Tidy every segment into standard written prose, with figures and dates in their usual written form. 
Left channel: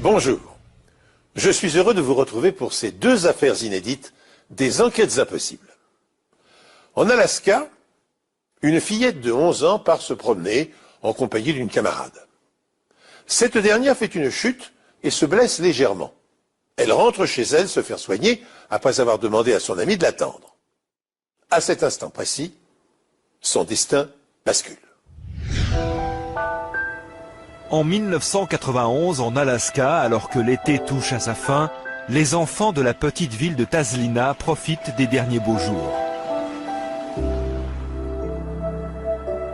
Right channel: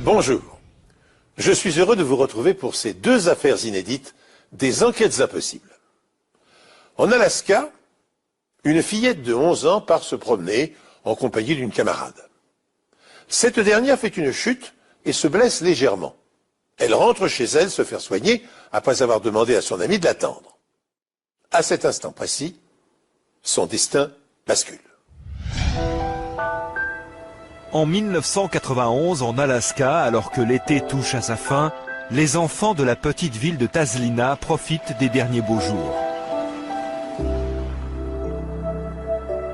Bonjour, je suis heureux de vous retrouver pour ces deux affaires inédites des enquêtes impossibles. En Alaska, une fillette de 11 ans part se promener en compagnie d'une camarade. Cette dernière fait une chute et se blesse légèrement. Elle rentre chez elle se faire soigner après avoir demandé à son ami de l'attendre. À cet instant précis, son destin bascule. En 1991, en Alaska, alors que l'été touche à sa fin, les enfants de la petite ville de Taslina profitent des derniers beaux jours.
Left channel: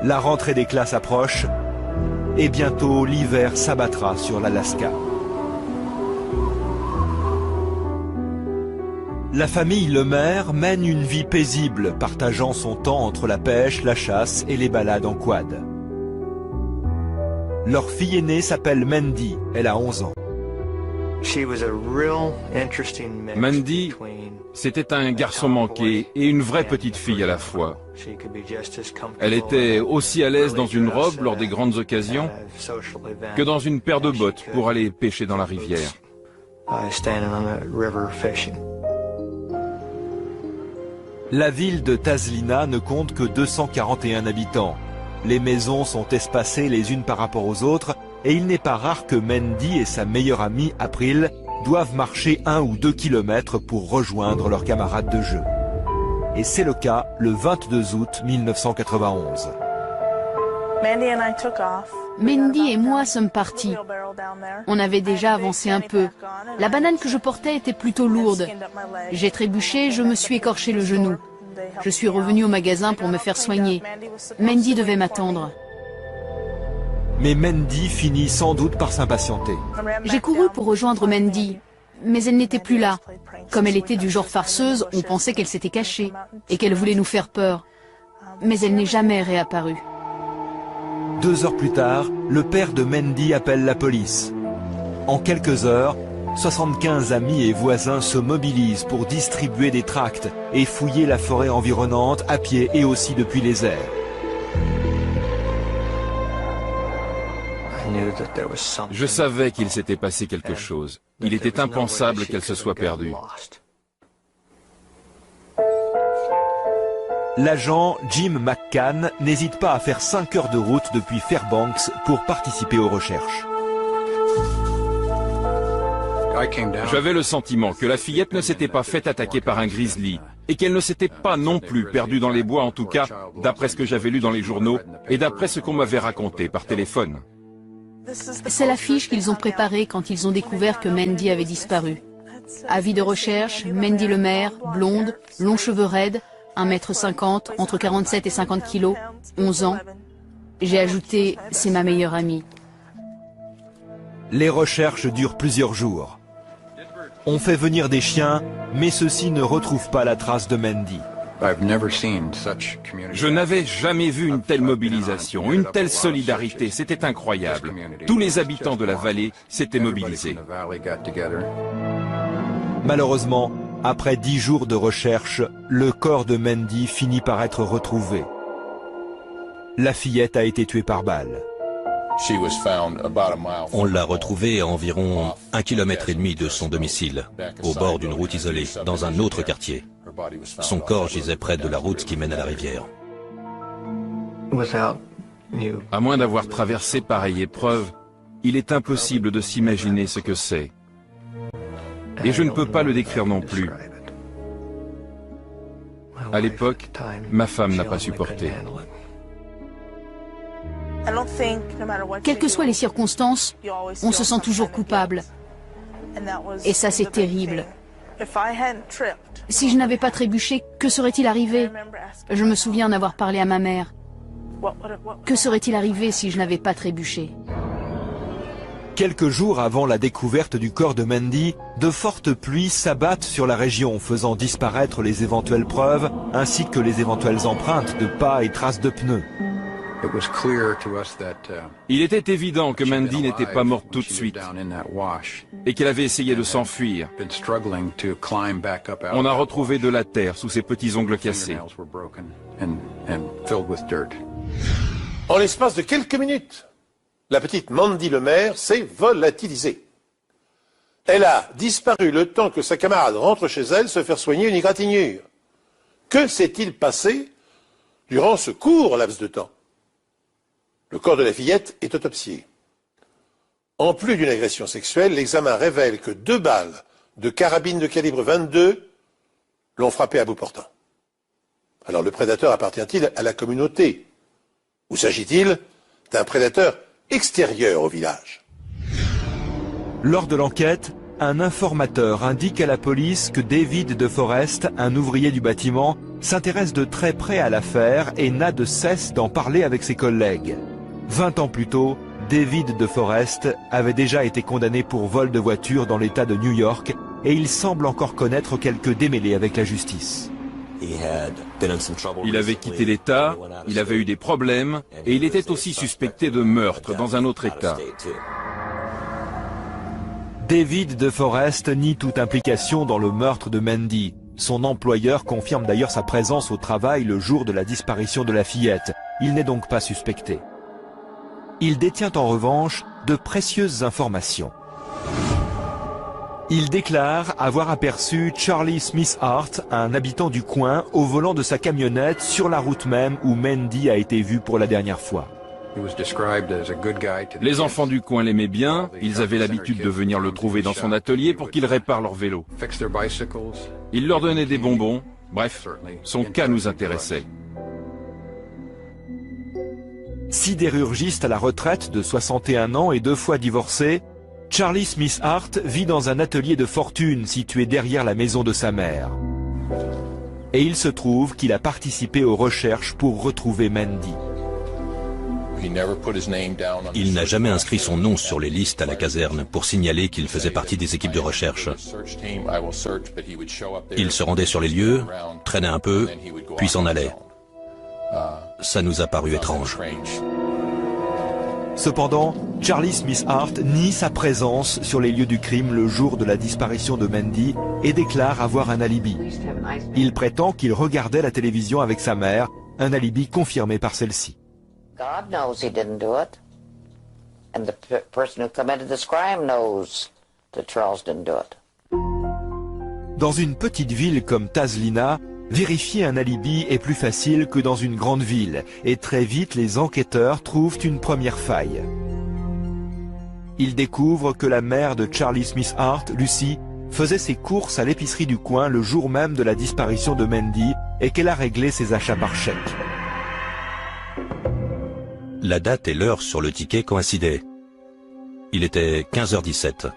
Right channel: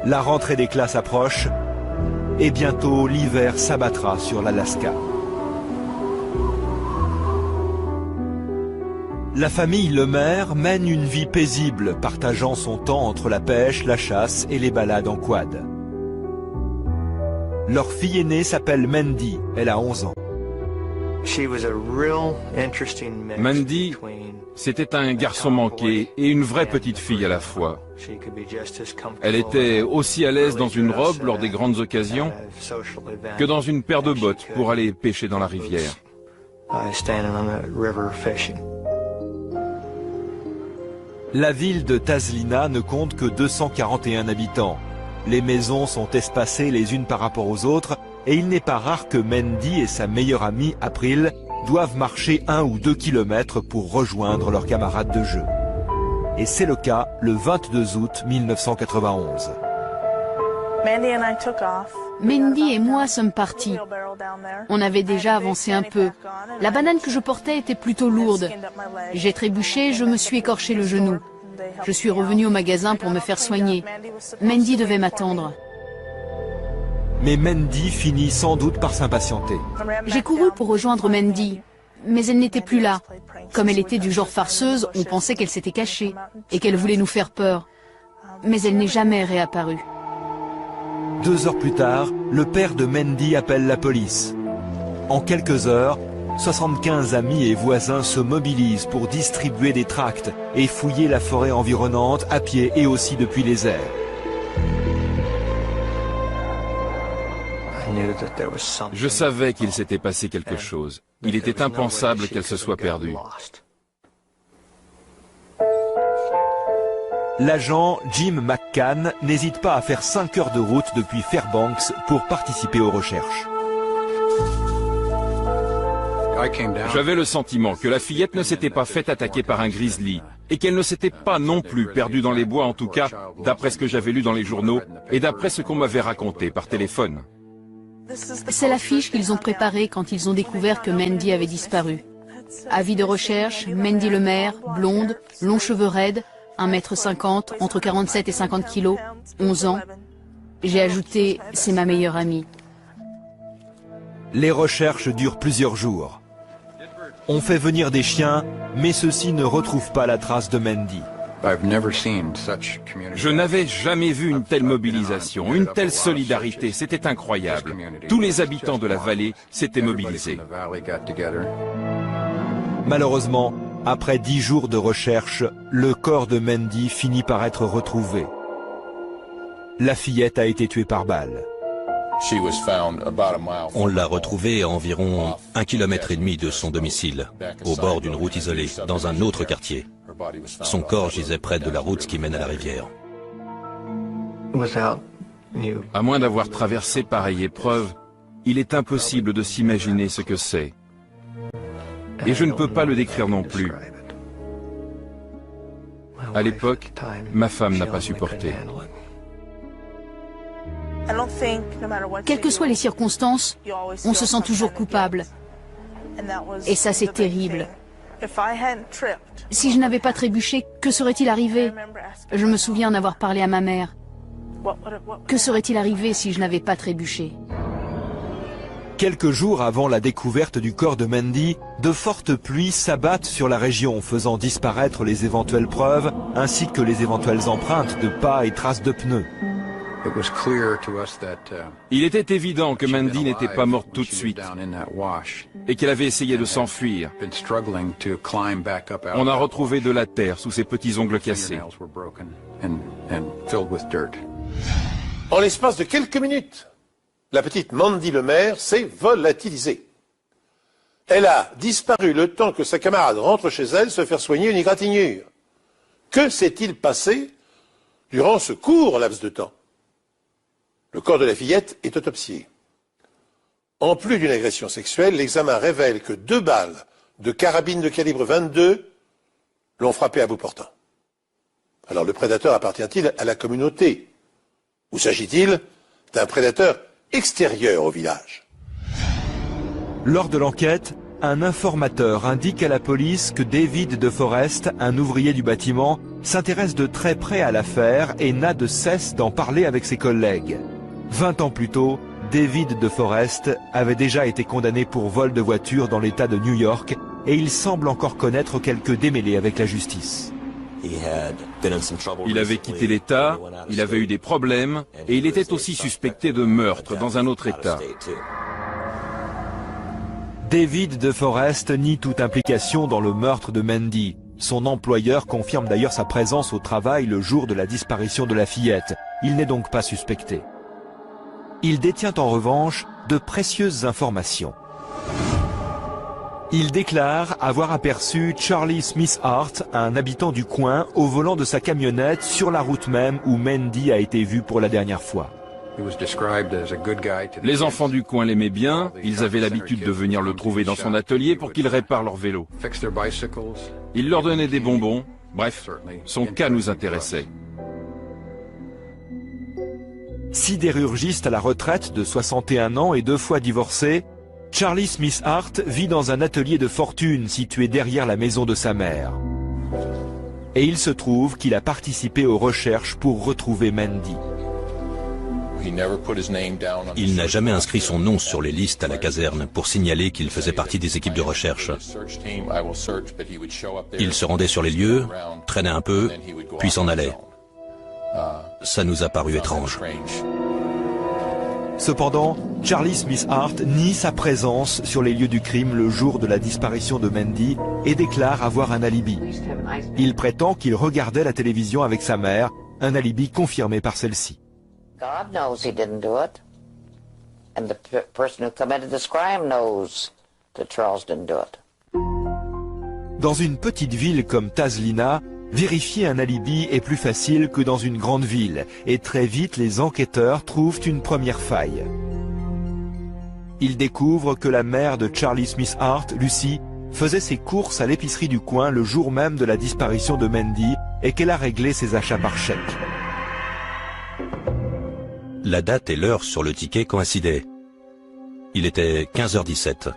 La rentrée des classes approche et bientôt l'hiver s'abattra sur l'Alaska. La famille Lemaire mène une vie paisible, partageant son temps entre la pêche, la chasse et les balades en quad. Leur fille aînée s'appelle Mandy, elle a 11 ans. Mandy, c'était un garçon manqué et une vraie petite fille à la fois. Elle était aussi à l'aise dans une robe lors des grandes occasions que dans une paire de bottes pour aller pêcher dans la rivière. La ville de Taslina ne compte que 241 habitants. Les maisons sont espacées les unes par rapport aux autres et il n'est pas rare que Mandy et sa meilleure amie April doivent marcher 1 ou 2 kilomètres pour rejoindre leurs camarades de jeu. Et c'est le cas le 22 août 1991. Mandy et moi sommes partis. On avait déjà avancé un peu. La banane que je portais était plutôt lourde. J'ai trébuché et je me suis écorché le genou. Je suis revenu au magasin pour me faire soigner. Mandy devait m'attendre. Mais Mandy finit sans doute par s'impatienter. J'ai couru pour rejoindre Mandy, mais elle n'était plus là. Comme elle était du genre farceuse, on pensait qu'elle s'était cachée et qu'elle voulait nous faire peur. Mais elle n'est jamais réapparue. 2 heures plus tard, le père de Mandy appelle la police. En quelques heures, 75 amis et voisins se mobilisent pour distribuer des tracts et fouiller la forêt environnante à pied et aussi depuis les airs. Je savais qu'il s'était passé quelque chose. Il était impensable qu'elle se soit perdue. L'agent Jim McCann n'hésite pas à faire 5 heures de route depuis Fairbanks pour participer aux recherches. J'avais le sentiment que la fillette ne s'était pas faite attaquer par un grizzly et qu'elle ne s'était pas non plus perdue dans les bois, en tout cas, d'après ce que j'avais lu dans les journaux et d'après ce qu'on m'avait raconté par téléphone. C'est l'affiche qu'ils ont préparée quand ils ont découvert que Mandy avait disparu. Avis de recherche, Mandy Lemaire, blonde, longs cheveux raides, 1,50 m, entre 47 et 50 kg, 11 ans. J'ai ajouté « c'est ma meilleure amie ». Les recherches durent plusieurs jours. On fait venir des chiens, mais ceux-ci ne retrouvent pas la trace de Mandy. Je n'avais jamais vu une telle mobilisation, une telle solidarité, c'était incroyable. Tous les habitants de la vallée s'étaient mobilisés. Malheureusement, après 10 jours de recherche, le corps de Mandy finit par être retrouvé. La fillette a été tuée par balle. On l'a retrouvée à environ 1,5 km de son domicile, au bord d'une route isolée, dans un autre quartier. Son corps gisait près de la route qui mène à la rivière. À moins d'avoir traversé pareille épreuve, il est impossible de s'imaginer ce que c'est. Et je ne peux pas le décrire non plus. À l'époque, ma femme n'a pas supporté. Quelles que soient les circonstances, on se sent toujours coupable. Et ça, c'est terrible. Si je n'avais pas trébuché, que serait-il arrivé? Je me souviens d'avoir parlé à ma mère. Que serait-il arrivé si je n'avais pas trébuché? Quelques jours avant la découverte du corps de Mandy, de fortes pluies s'abattent sur la région, faisant disparaître les éventuelles preuves, ainsi que les éventuelles empreintes de pas et traces de pneus. Il était évident que Mandy n'était pas morte tout de suite et qu'elle avait essayé de s'enfuir. On a retrouvé de la terre sous ses petits ongles cassés. En l'espace de quelques minutes, la petite Mandy Lemaire s'est volatilisée. Elle a disparu le temps que sa camarade rentre chez elle se faire soigner une égratignure. Que s'est-il passé durant ce court laps de temps? Le corps de la fillette est autopsié. En plus d'une agression sexuelle, l'examen révèle que 2 balles de carabine de calibre 22 l'ont frappé à bout portant. Alors le prédateur appartient-il à la communauté? Ou s'agit-il d'un prédateur extérieur au village? Lors de l'enquête, un informateur indique à la police que David De Forest, un ouvrier du bâtiment, s'intéresse de très près à l'affaire et n'a de cesse d'en parler avec ses collègues. 20 ans plus tôt, David De Forest avait déjà été condamné pour vol de voiture dans l'État de New York et il semble encore connaître quelques démêlés avec la justice. Il avait quitté l'État, il avait eu des problèmes et il était aussi suspecté de meurtre dans un autre État. David De Forest nie toute implication dans le meurtre de Mandy. Son employeur confirme d'ailleurs sa présence au travail le jour de la disparition de la fillette. Il n'est donc pas suspecté. Il détient en revanche de précieuses informations. Il déclare avoir aperçu Charlie Smith Hart, un habitant du coin, au volant de sa camionnette sur la route même où Mandy a été vue pour la dernière fois. Les enfants du coin l'aimaient bien, ils avaient l'habitude de venir le trouver dans son atelier pour qu'il répare leur vélo. Il leur donnait des bonbons, bref, son cas nous intéressait. Sidérurgiste à la retraite de 61 ans et 2 fois divorcé, Charlie Smith Hart vit dans un atelier de fortune situé derrière la maison de sa mère. Et il se trouve qu'il a participé aux recherches pour retrouver Mandy. Il n'a jamais inscrit son nom sur les listes à la caserne pour signaler qu'il faisait partie des équipes de recherche. Il se rendait sur les lieux, traînait un peu, puis s'en allait. Ça nous a paru étrange. Cependant, Charlie Smith Hart nie sa présence sur les lieux du crime le jour de la disparition de Mandy et déclare avoir un alibi. Il prétend qu'il regardait la télévision avec sa mère, un alibi confirmé par celle-ci. God knows he didn't do it. And the person who committed this crime knows that Charles didn't do it. Dans une petite ville comme Tazlina, vérifier un alibi est plus facile que dans une grande ville, et très vite les enquêteurs trouvent une première faille. Ils découvrent que la mère de Charlie Smith Hart, Lucy, faisait ses courses à l'épicerie du coin le jour même de la disparition de Mandy et qu'elle a réglé ses achats par chèque. La date et l'heure sur le ticket coïncidaient. Il était 15h17.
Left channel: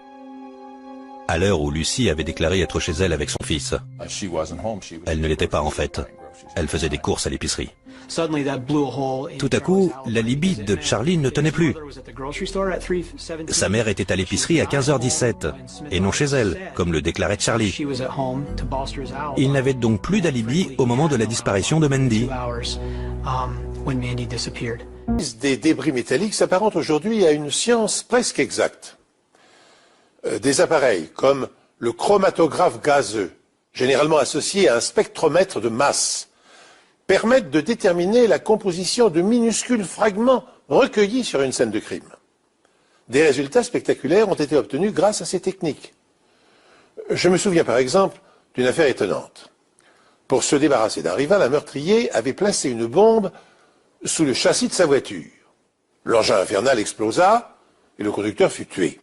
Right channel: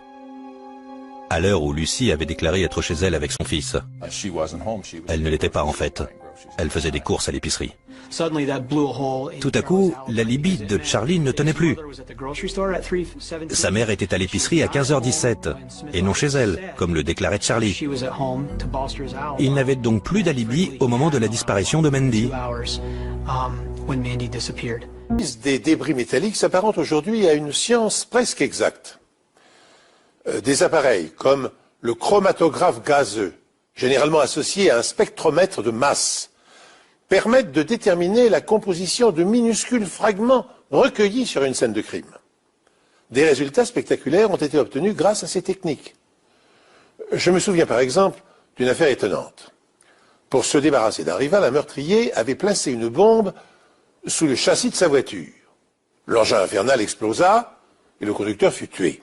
À l'heure où Lucy avait déclaré être chez elle avec son fils. Elle ne l'était pas en fait. Elle faisait des courses à l'épicerie. Tout à coup, l'alibi de Charlie ne tenait plus. Sa mère était à l'épicerie à 15h17, et non chez elle, comme le déclarait Charlie. Il n'avait donc plus d'alibi au moment de la disparition de Mandy. Des débris métalliques s'apparentent aujourd'hui à une science presque exacte. Des appareils comme le chromatographe gazeux, généralement associé à un spectromètre de masse, permettent de déterminer la composition de minuscules fragments recueillis sur une scène de crime. Des résultats spectaculaires ont été obtenus grâce à ces techniques. Je me souviens par exemple d'une affaire étonnante. Pour se débarrasser d'un rival, un meurtrier avait placé une bombe sous le châssis de sa voiture. L'engin infernal explosa et le conducteur fut tué.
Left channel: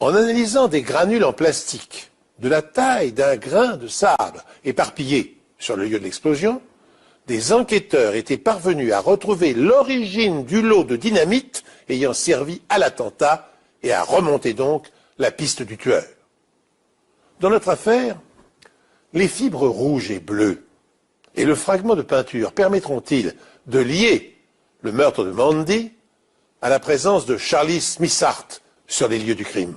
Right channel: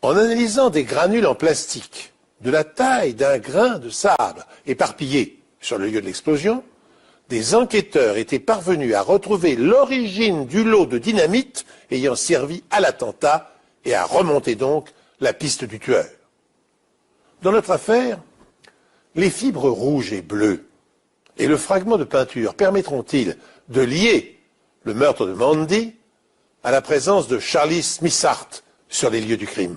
En analysant des granules en plastique de la taille d'un grain de sable éparpillés sur le lieu de l'explosion, des enquêteurs étaient parvenus à retrouver l'origine du lot de dynamite ayant servi à l'attentat et à remonter donc la piste du tueur. Dans notre affaire, les fibres rouges et bleues et le fragment de peinture permettront-ils de lier le meurtre de Mandy à la présence de Charlie Smith Hart sur les lieux du crime?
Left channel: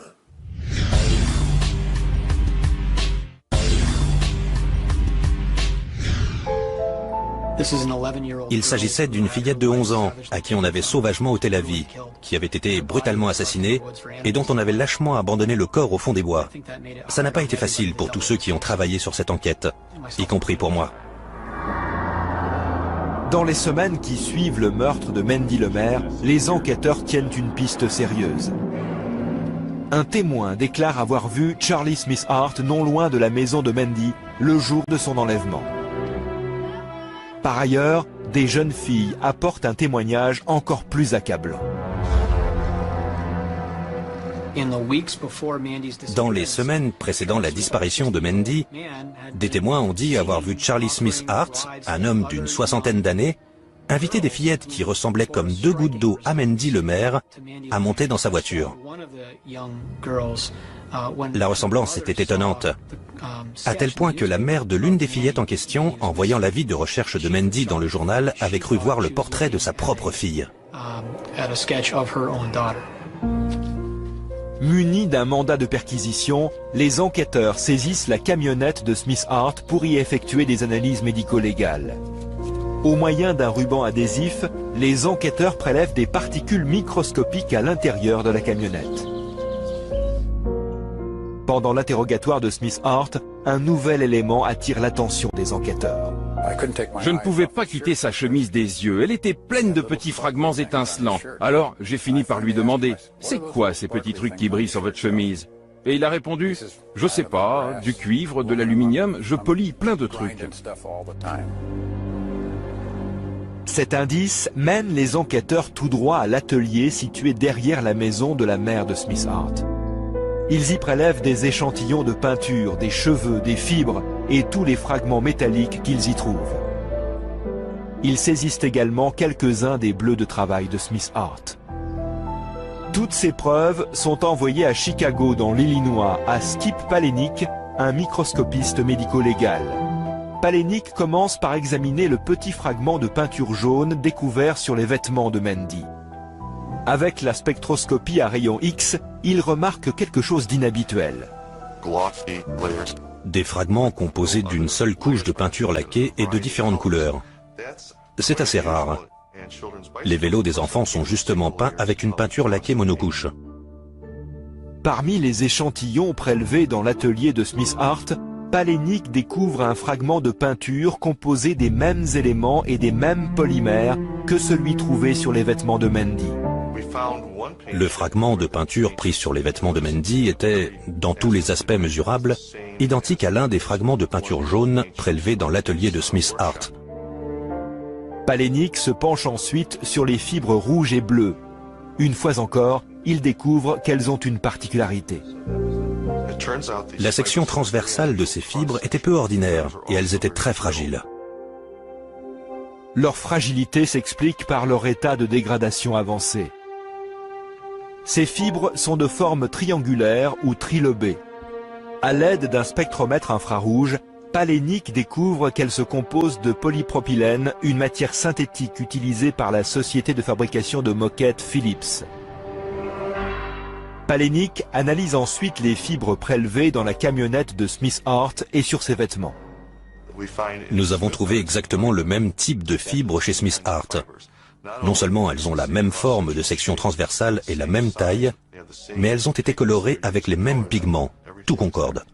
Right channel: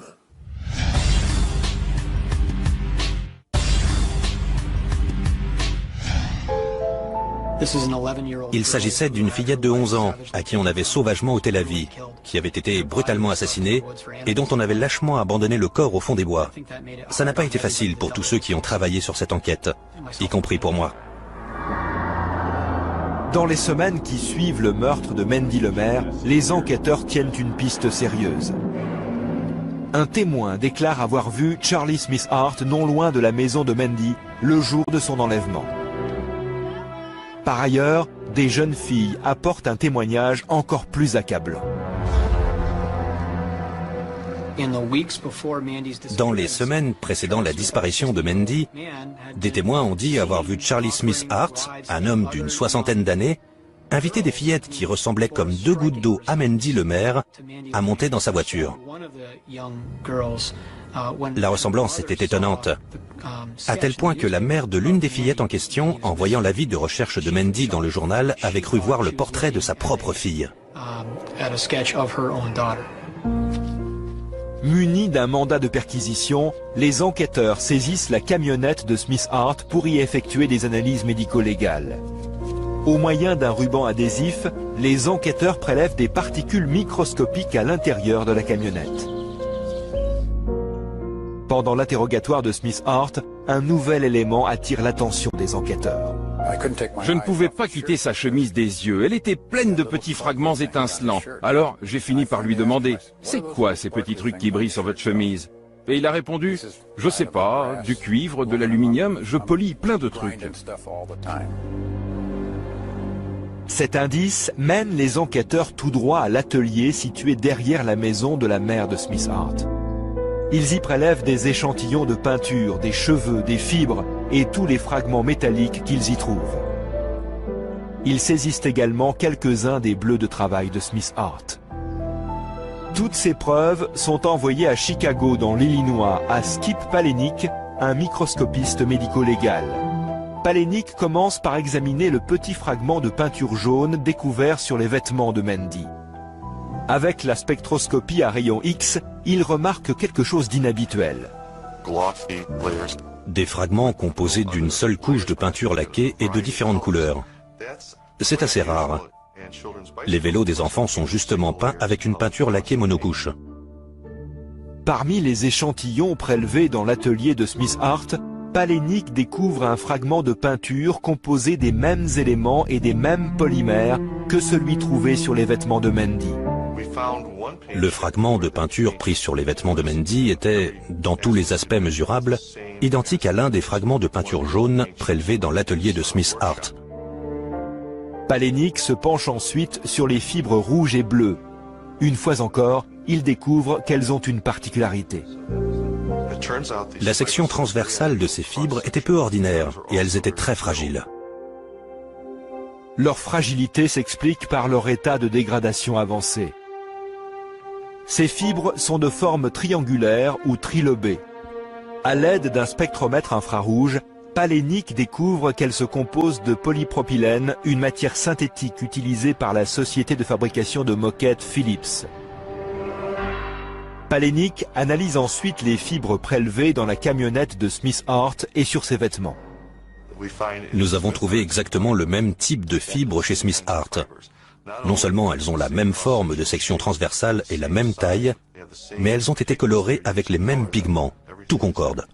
Il s'agissait d'une fillette de 11 ans, à qui on avait sauvagement ôté la vie, qui avait été brutalement assassinée et dont on avait lâchement abandonné le corps au fond des bois. Ça n'a pas été facile pour tous ceux qui ont travaillé sur cette enquête, y compris pour moi. Dans les semaines qui suivent le meurtre de Mandy Lemaire, les enquêteurs tiennent une piste sérieuse. Un témoin déclare avoir vu Charlie Smith Hart non loin de la maison de Mandy le jour de son enlèvement. Par ailleurs, des jeunes filles apportent un témoignage encore plus accablant. Dans les semaines précédant la disparition de Mandy, des témoins ont dit avoir vu Charlie Smith Hart, un homme d'une soixantaine d'années, inviter des fillettes qui ressemblaient comme deux gouttes d'eau à Mandy le maire à monter dans sa voiture. La ressemblance était étonnante, à tel point que la mère de l'une des fillettes en question, en voyant l'avis de recherche de Mandy dans le journal, avait cru voir le portrait de sa propre fille. Munis d'un mandat de perquisition, les enquêteurs saisissent la camionnette de Smith Hart pour y effectuer des analyses médico-légales. Au moyen d'un ruban adhésif, les enquêteurs prélèvent des particules microscopiques à l'intérieur de la camionnette. Pendant l'interrogatoire de Smith Hart, un nouvel élément attire l'attention des enquêteurs. Je ne pouvais pas quitter sa chemise des yeux, elle était pleine de petits fragments étincelants. Alors j'ai fini par lui demander « C'est quoi ces petits trucs qui brillent sur votre chemise ?» Et il a répondu « Je sais pas, du cuivre, de l'aluminium, je polis plein de trucs. » Cet indice mène les enquêteurs tout droit à l'atelier situé derrière la maison de la mère de Smith Hart. Ils y prélèvent des échantillons de peinture, des cheveux, des fibres et tous les fragments métalliques qu'ils y trouvent. Ils saisissent également quelques-uns des bleus de travail de Smith Hart. Toutes ces preuves sont envoyées à Chicago dans l'Illinois à Skip Palahniuk, un microscopiste médico-légal. Palahniuk commence par examiner le petit fragment de peinture jaune découvert sur les vêtements de Mandy. Avec la spectroscopie à rayon X, il remarque quelque chose d'inhabituel. Des fragments composés d'une seule couche de peinture laquée et de différentes couleurs. C'est assez rare. Les vélos des enfants sont justement peints avec une peinture laquée monocouche. Parmi les échantillons prélevés dans l'atelier de Smith Hart, Palahniuk découvre un fragment de peinture composé des mêmes éléments et des mêmes polymères que celui trouvé sur les vêtements de Mandy. Le fragment de peinture pris sur les vêtements de Mandy était, dans tous les aspects mesurables, identique à l'un des fragments de peinture jaune prélevés dans l'atelier de Smith Hart. Palahniuk se penche ensuite sur les fibres rouges et bleues. Une fois encore, il découvre qu'elles ont une particularité. La section transversale de ces fibres était peu ordinaire et elles étaient très fragiles. Leur fragilité s'explique par leur état de dégradation avancé. Ces fibres sont de forme triangulaire ou trilobée. À l'aide d'un spectromètre infrarouge, Palahniuk découvre qu'elles se composent de polypropylène, une matière synthétique utilisée par la société de fabrication de moquettes Philips. Palahniuk analyse ensuite les fibres prélevées dans la camionnette de Smith Hart et sur ses vêtements. Nous avons trouvé exactement le même type de fibres chez Smith Hart. Non seulement elles ont la même forme de section transversale et la même taille, mais elles ont été colorées avec les mêmes pigments. Tout concorde.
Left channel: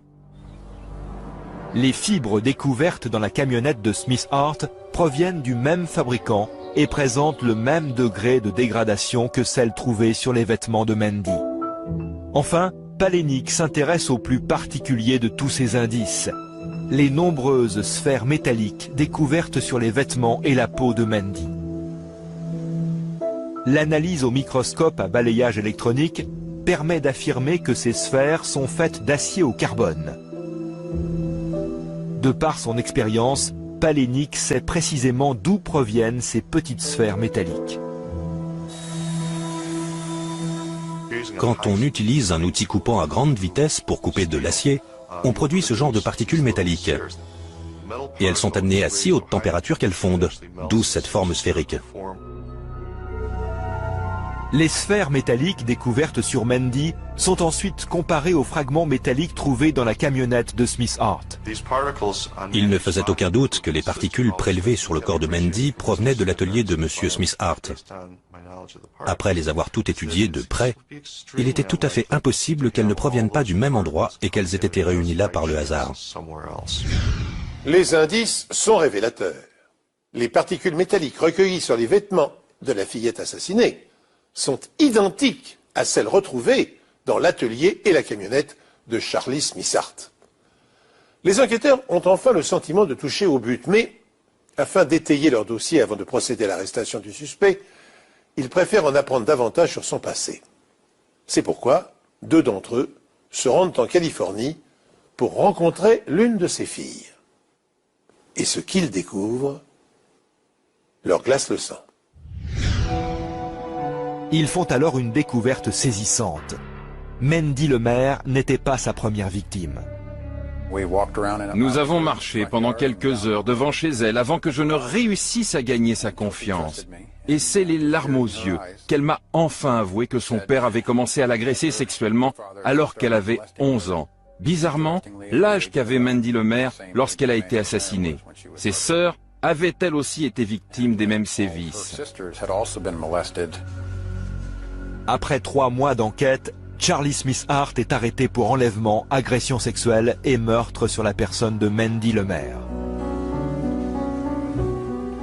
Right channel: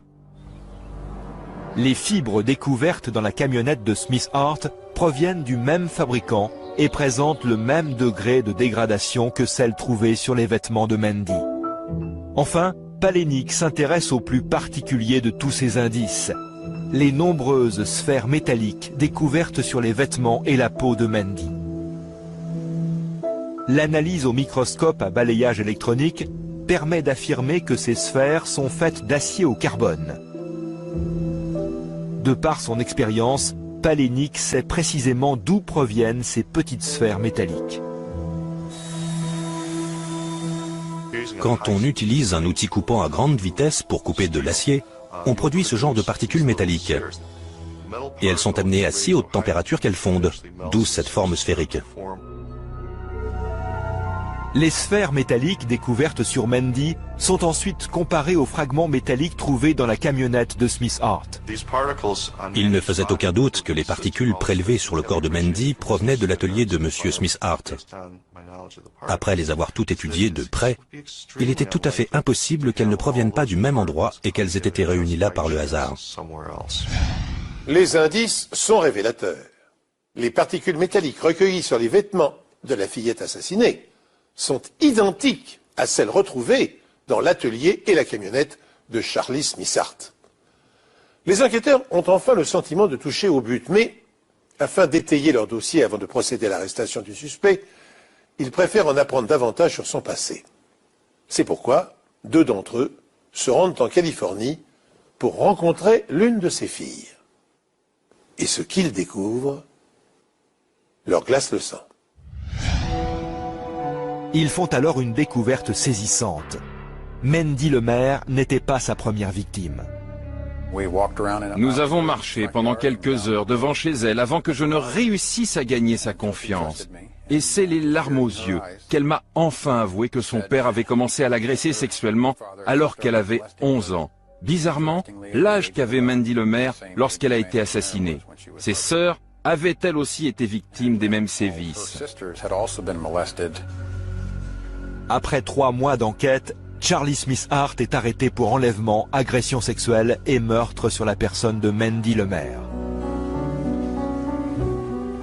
Les fibres découvertes dans la camionnette de Smith Hart proviennent du même fabricant et présentent le même degré de dégradation que celles trouvées sur les vêtements de Mandy. Enfin, Palahniuk s'intéresse au plus particulier de tous ces indices, les nombreuses sphères métalliques découvertes sur les vêtements et la peau de Mandy. L'analyse au microscope à balayage électronique permet d'affirmer que ces sphères sont faites d'acier au carbone. De par son expérience, Palahniuk sait précisément d'où proviennent ces petites sphères métalliques. Quand on utilise un outil coupant à grande vitesse pour couper de l'acier, on produit ce genre de particules métalliques. Et elles sont amenées à si haute température qu'elles fondent, d'où cette forme sphérique. Les sphères métalliques découvertes sur Mandy sont ensuite comparées aux fragments métalliques trouvés dans la camionnette de Smith Hart. Il ne faisait aucun doute que les particules prélevées sur le corps de Mandy provenaient de l'atelier de M. Smith Hart. Après les avoir toutes étudiées de près, il était tout à fait impossible qu'elles ne proviennent pas du même endroit et qu'elles aient été réunies là par le hasard. Les indices sont révélateurs. Les particules métalliques recueillies sur les vêtements de la fillette assassinée sont identiques à celles retrouvées dans l'atelier et la camionnette de Charlie Smith Hart. Les enquêteurs ont enfin le sentiment de toucher au but, mais afin d'étayer leur dossier avant de procéder à l'arrestation du suspect, ils préfèrent en apprendre davantage sur son passé. C'est pourquoi 2 d'entre eux se rendent en Californie pour rencontrer l'une de ses filles. Et ce qu'ils découvrent leur glace le sang. Ils font alors une découverte saisissante. Mandy Lemaire n'était pas sa première victime. Nous avons marché pendant quelques heures devant chez elle avant que je ne réussisse à gagner sa confiance. Et c'est les larmes aux yeux qu'elle m'a enfin avoué que son père avait commencé à l'agresser sexuellement alors qu'elle avait 11 ans. Bizarrement, l'âge qu'avait Mandy Lemaire lorsqu'elle a été assassinée. Ses sœurs avaient elles aussi été victimes des mêmes sévices. Après 3 mois d'enquête, Charlie Smith Hart est arrêté pour enlèvement, agression sexuelle et meurtre sur la personne de Mandy Lemaire.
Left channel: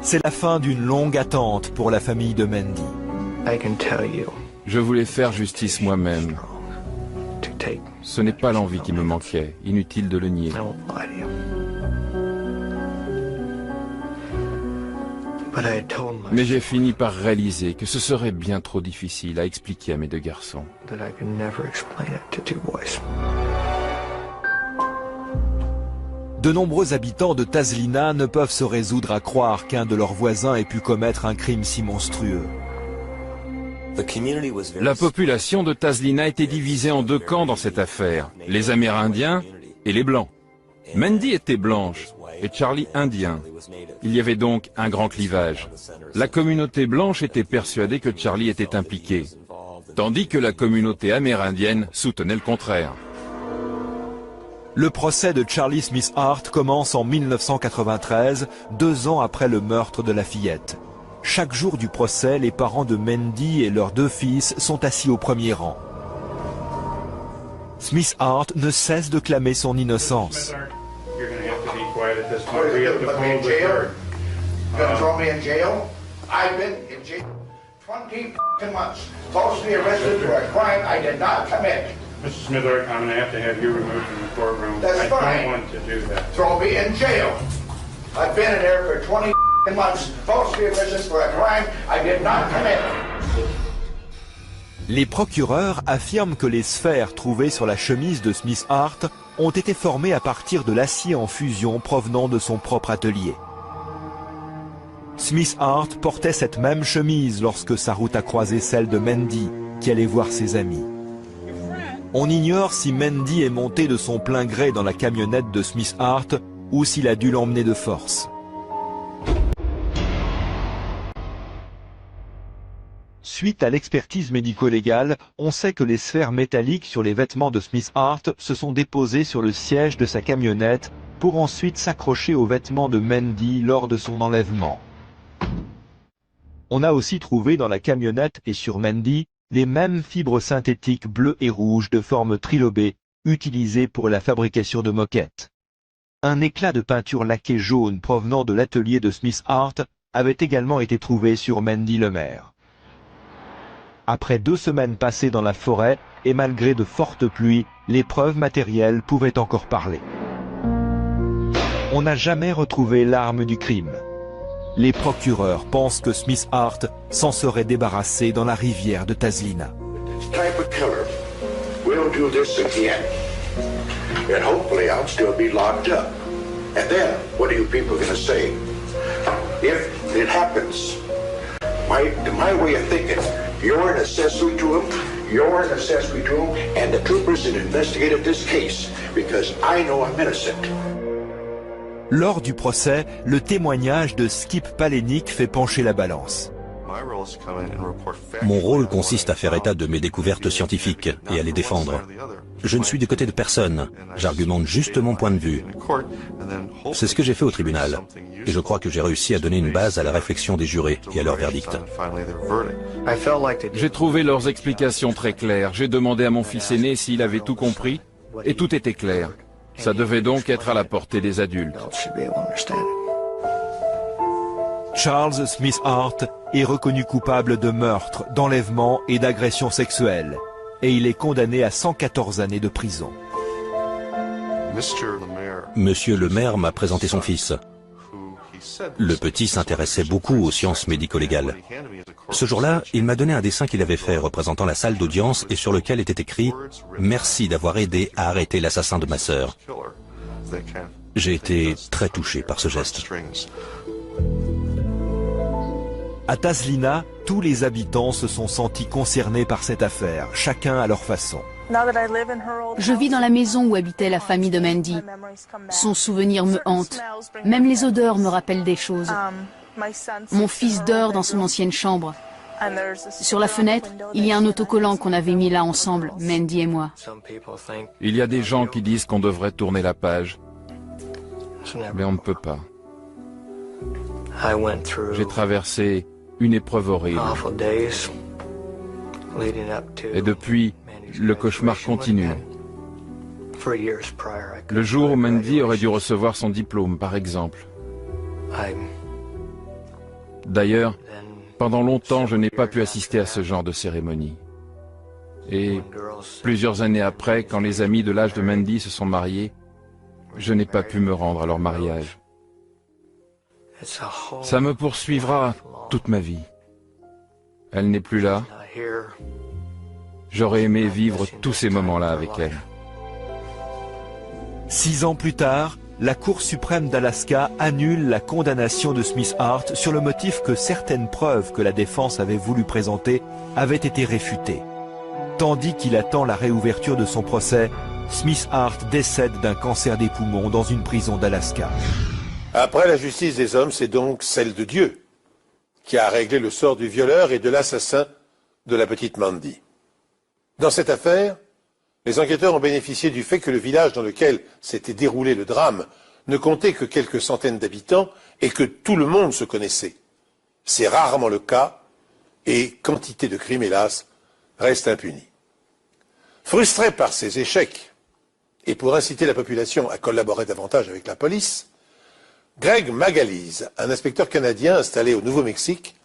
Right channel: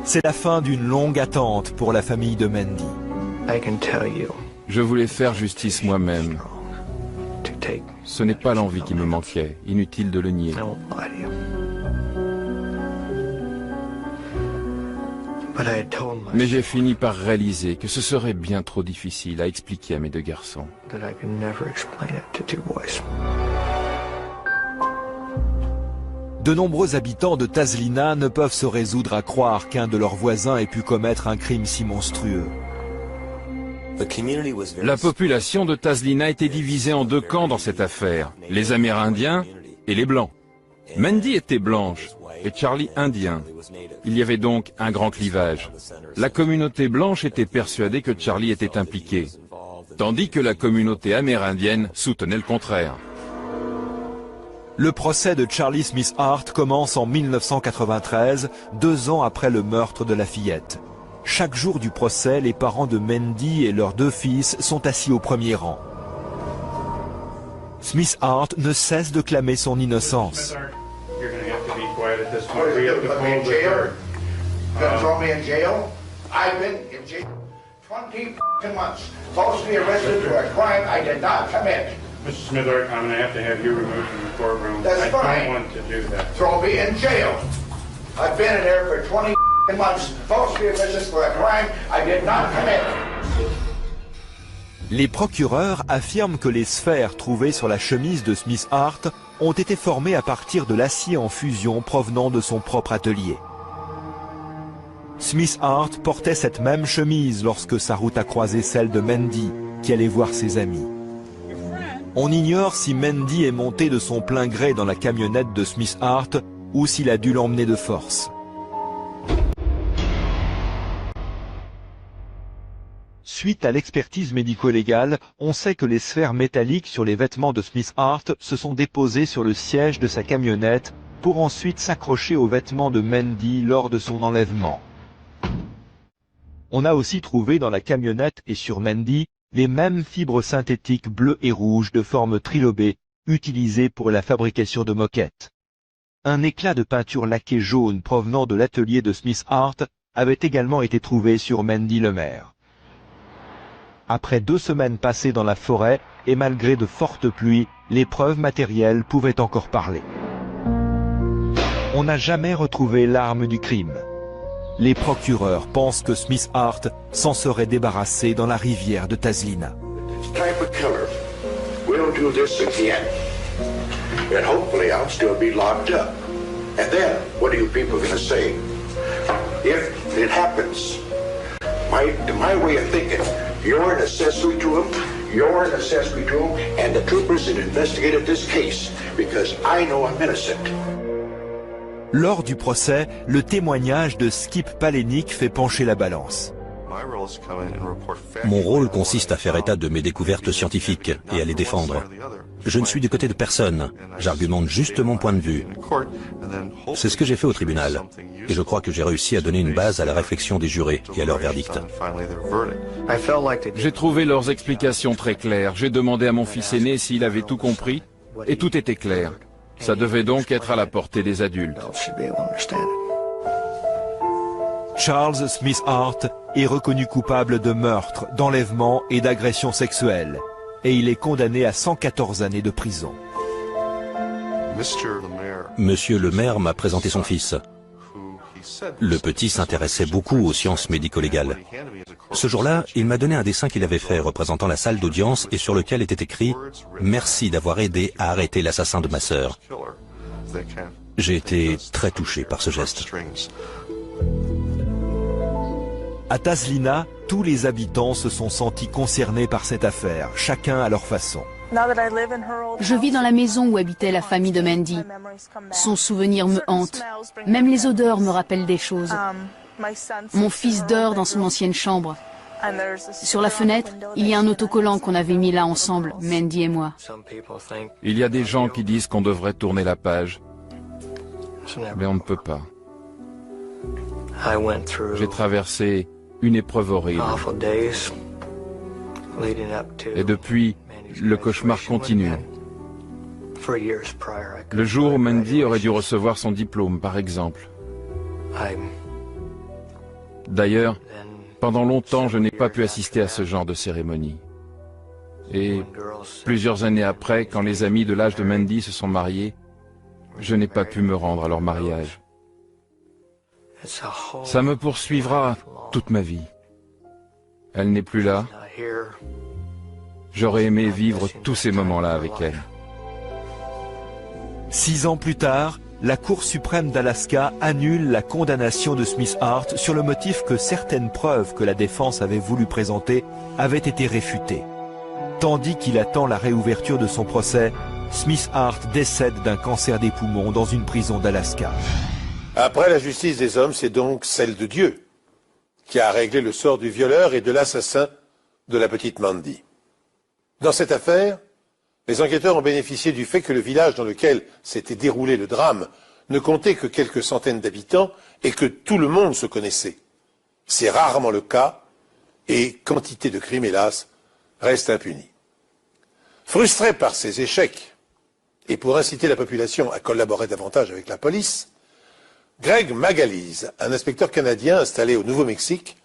C'est la fin d'une longue attente pour la famille de Mandy. Je voulais faire justice moi-même. Ce n'est pas l'envie qui me manquait, inutile de le nier. Mais j'ai fini par réaliser que ce serait bien trop difficile à expliquer à mes 2 garçons. De nombreux habitants de Tazlina ne peuvent se résoudre à croire qu'un de leurs voisins ait pu commettre un crime si monstrueux. La population de Tazlina était divisée en 2 camps dans cette affaire, les Amérindiens et les Blancs. Mandy était blanche et Charlie indien. Il y avait donc un grand clivage. La communauté blanche était persuadée que Charlie était impliqué, tandis que la communauté amérindienne soutenait le contraire. Le procès de Charlie Smith Hart commence en 1993, 2 ans après le meurtre de la fillette. Chaque jour du procès, les parents de Mandy et leurs 2 fils sont assis au premier rang. Smith Hart ne cesse de clamer son innocence. Mr. Smith Hart, I'm going to have you removed from the courtroom. That's fine. I don't want to do that. Throw me in jail. I've been in there for 20 months, falsely arrested for a crime I did not commit. Les procureurs affirment que les sphères trouvées sur la chemise de Smith Hart ont été formées à partir de l'acier en fusion provenant de son propre atelier. Smith Hart portait cette même chemise lorsque sa route a croisé celle de Mandy, qui allait voir ses amis. On ignore si Mandy est montée de son plein gré dans la camionnette de Smith Hart ou s'il a dû l'emmener de force. Suite à l'expertise médico-légale, on sait que les sphères métalliques sur les vêtements de Smith Hart se sont déposées sur le siège de sa camionnette pour ensuite s'accrocher aux vêtements de Mandy lors de son enlèvement. On a aussi trouvé dans la camionnette et sur Mandy les mêmes fibres synthétiques bleues et rouges de forme trilobée utilisées pour la fabrication de moquettes. Un éclat de peinture laquée jaune provenant de l'atelier de Smith Hart avait également été trouvé sur Mandy Lemaire. Après 2 semaines passées dans la forêt et malgré de fortes pluies, les preuves matérielles pouvaient encore parler. On n'a jamais retrouvé l'arme du crime. Les procureurs pensent que Smith Hart s'en serait débarrassé dans la rivière de Tazlina. You're an accessory to him, and the troopers that investigated this case, because I know I'm innocent. Lors du procès, le témoignage de Skip Palahniuk fait pencher la balance. Mon rôle consiste à faire état de mes découvertes scientifiques et à les défendre. Je ne suis du côté de personne, j'argumente juste mon point de vue. C'est ce que j'ai fait au tribunal, et je crois que j'ai réussi à donner une base à la réflexion des jurés et à leur verdict. J'ai trouvé leurs explications très claires. J'ai demandé à mon fils aîné s'il avait tout compris, et tout était clair. Ça devait donc être à la portée des adultes. Charles Smith Hart est reconnu coupable de meurtre, d'enlèvement et d'agression sexuelle. et il est condamné à 114 années de prison. Monsieur le maire m'a présenté son fils. Le petit s'intéressait beaucoup aux sciences médico-légales. Ce jour-là, il m'a donné un dessin qu'il avait fait représentant la salle d'audience et sur lequel était écrit « Merci d'avoir aidé à arrêter l'assassin de ma sœur ». J'ai été très touché par ce geste. À Tazlina, tous les habitants se sont sentis concernés par cette affaire, chacun à leur façon. Je vis dans la maison où habitait la famille de Mandy. Son souvenir me hante. Même les odeurs me rappellent des choses. Mon fils dort dans son ancienne chambre. Sur la fenêtre, il y a un autocollant qu'on avait mis là ensemble, Mandy et moi. Il y a des gens qui disent qu'on devrait tourner la page. Mais on ne peut pas. J'ai traversé une épreuve horrible. Et depuis, le cauchemar continue. Le jour où Mandy aurait dû recevoir son diplôme, par exemple. D'ailleurs, pendant longtemps, je n'ai pas pu assister à ce genre de cérémonie. Et plusieurs années après, quand les amis de l'âge de Mandy se sont mariés, je n'ai pas pu me rendre à leur mariage. Ça me poursuivra toute ma vie. Elle n'est plus là. J'aurais aimé vivre tous ces moments-là avec elle. 6 ans plus tard, la Cour suprême d'Alaska annule la condamnation de Smith Hart sur le motif que certaines preuves que la défense avait voulu présenter avaient été réfutées. Tandis qu'il attend la réouverture de son procès, Smith Hart décède d'un cancer des poumons dans une prison d'Alaska. Après la justice des hommes, c'est donc celle de Dieu qui a réglé le sort du violeur et de l'assassin de la petite Mandy. Dans cette affaire, les enquêteurs ont bénéficié du fait que le village dans lequel s'était déroulé le drame ne comptait que quelques centaines d'habitants et que tout le monde se connaissait. C'est rarement le cas et quantité de crimes, hélas, restent impunis. Frustré par ces échecs et pour inciter la population à collaborer davantage avec la police, Greg Magalise, un inspecteur canadien installé au Nouveau-Mexique,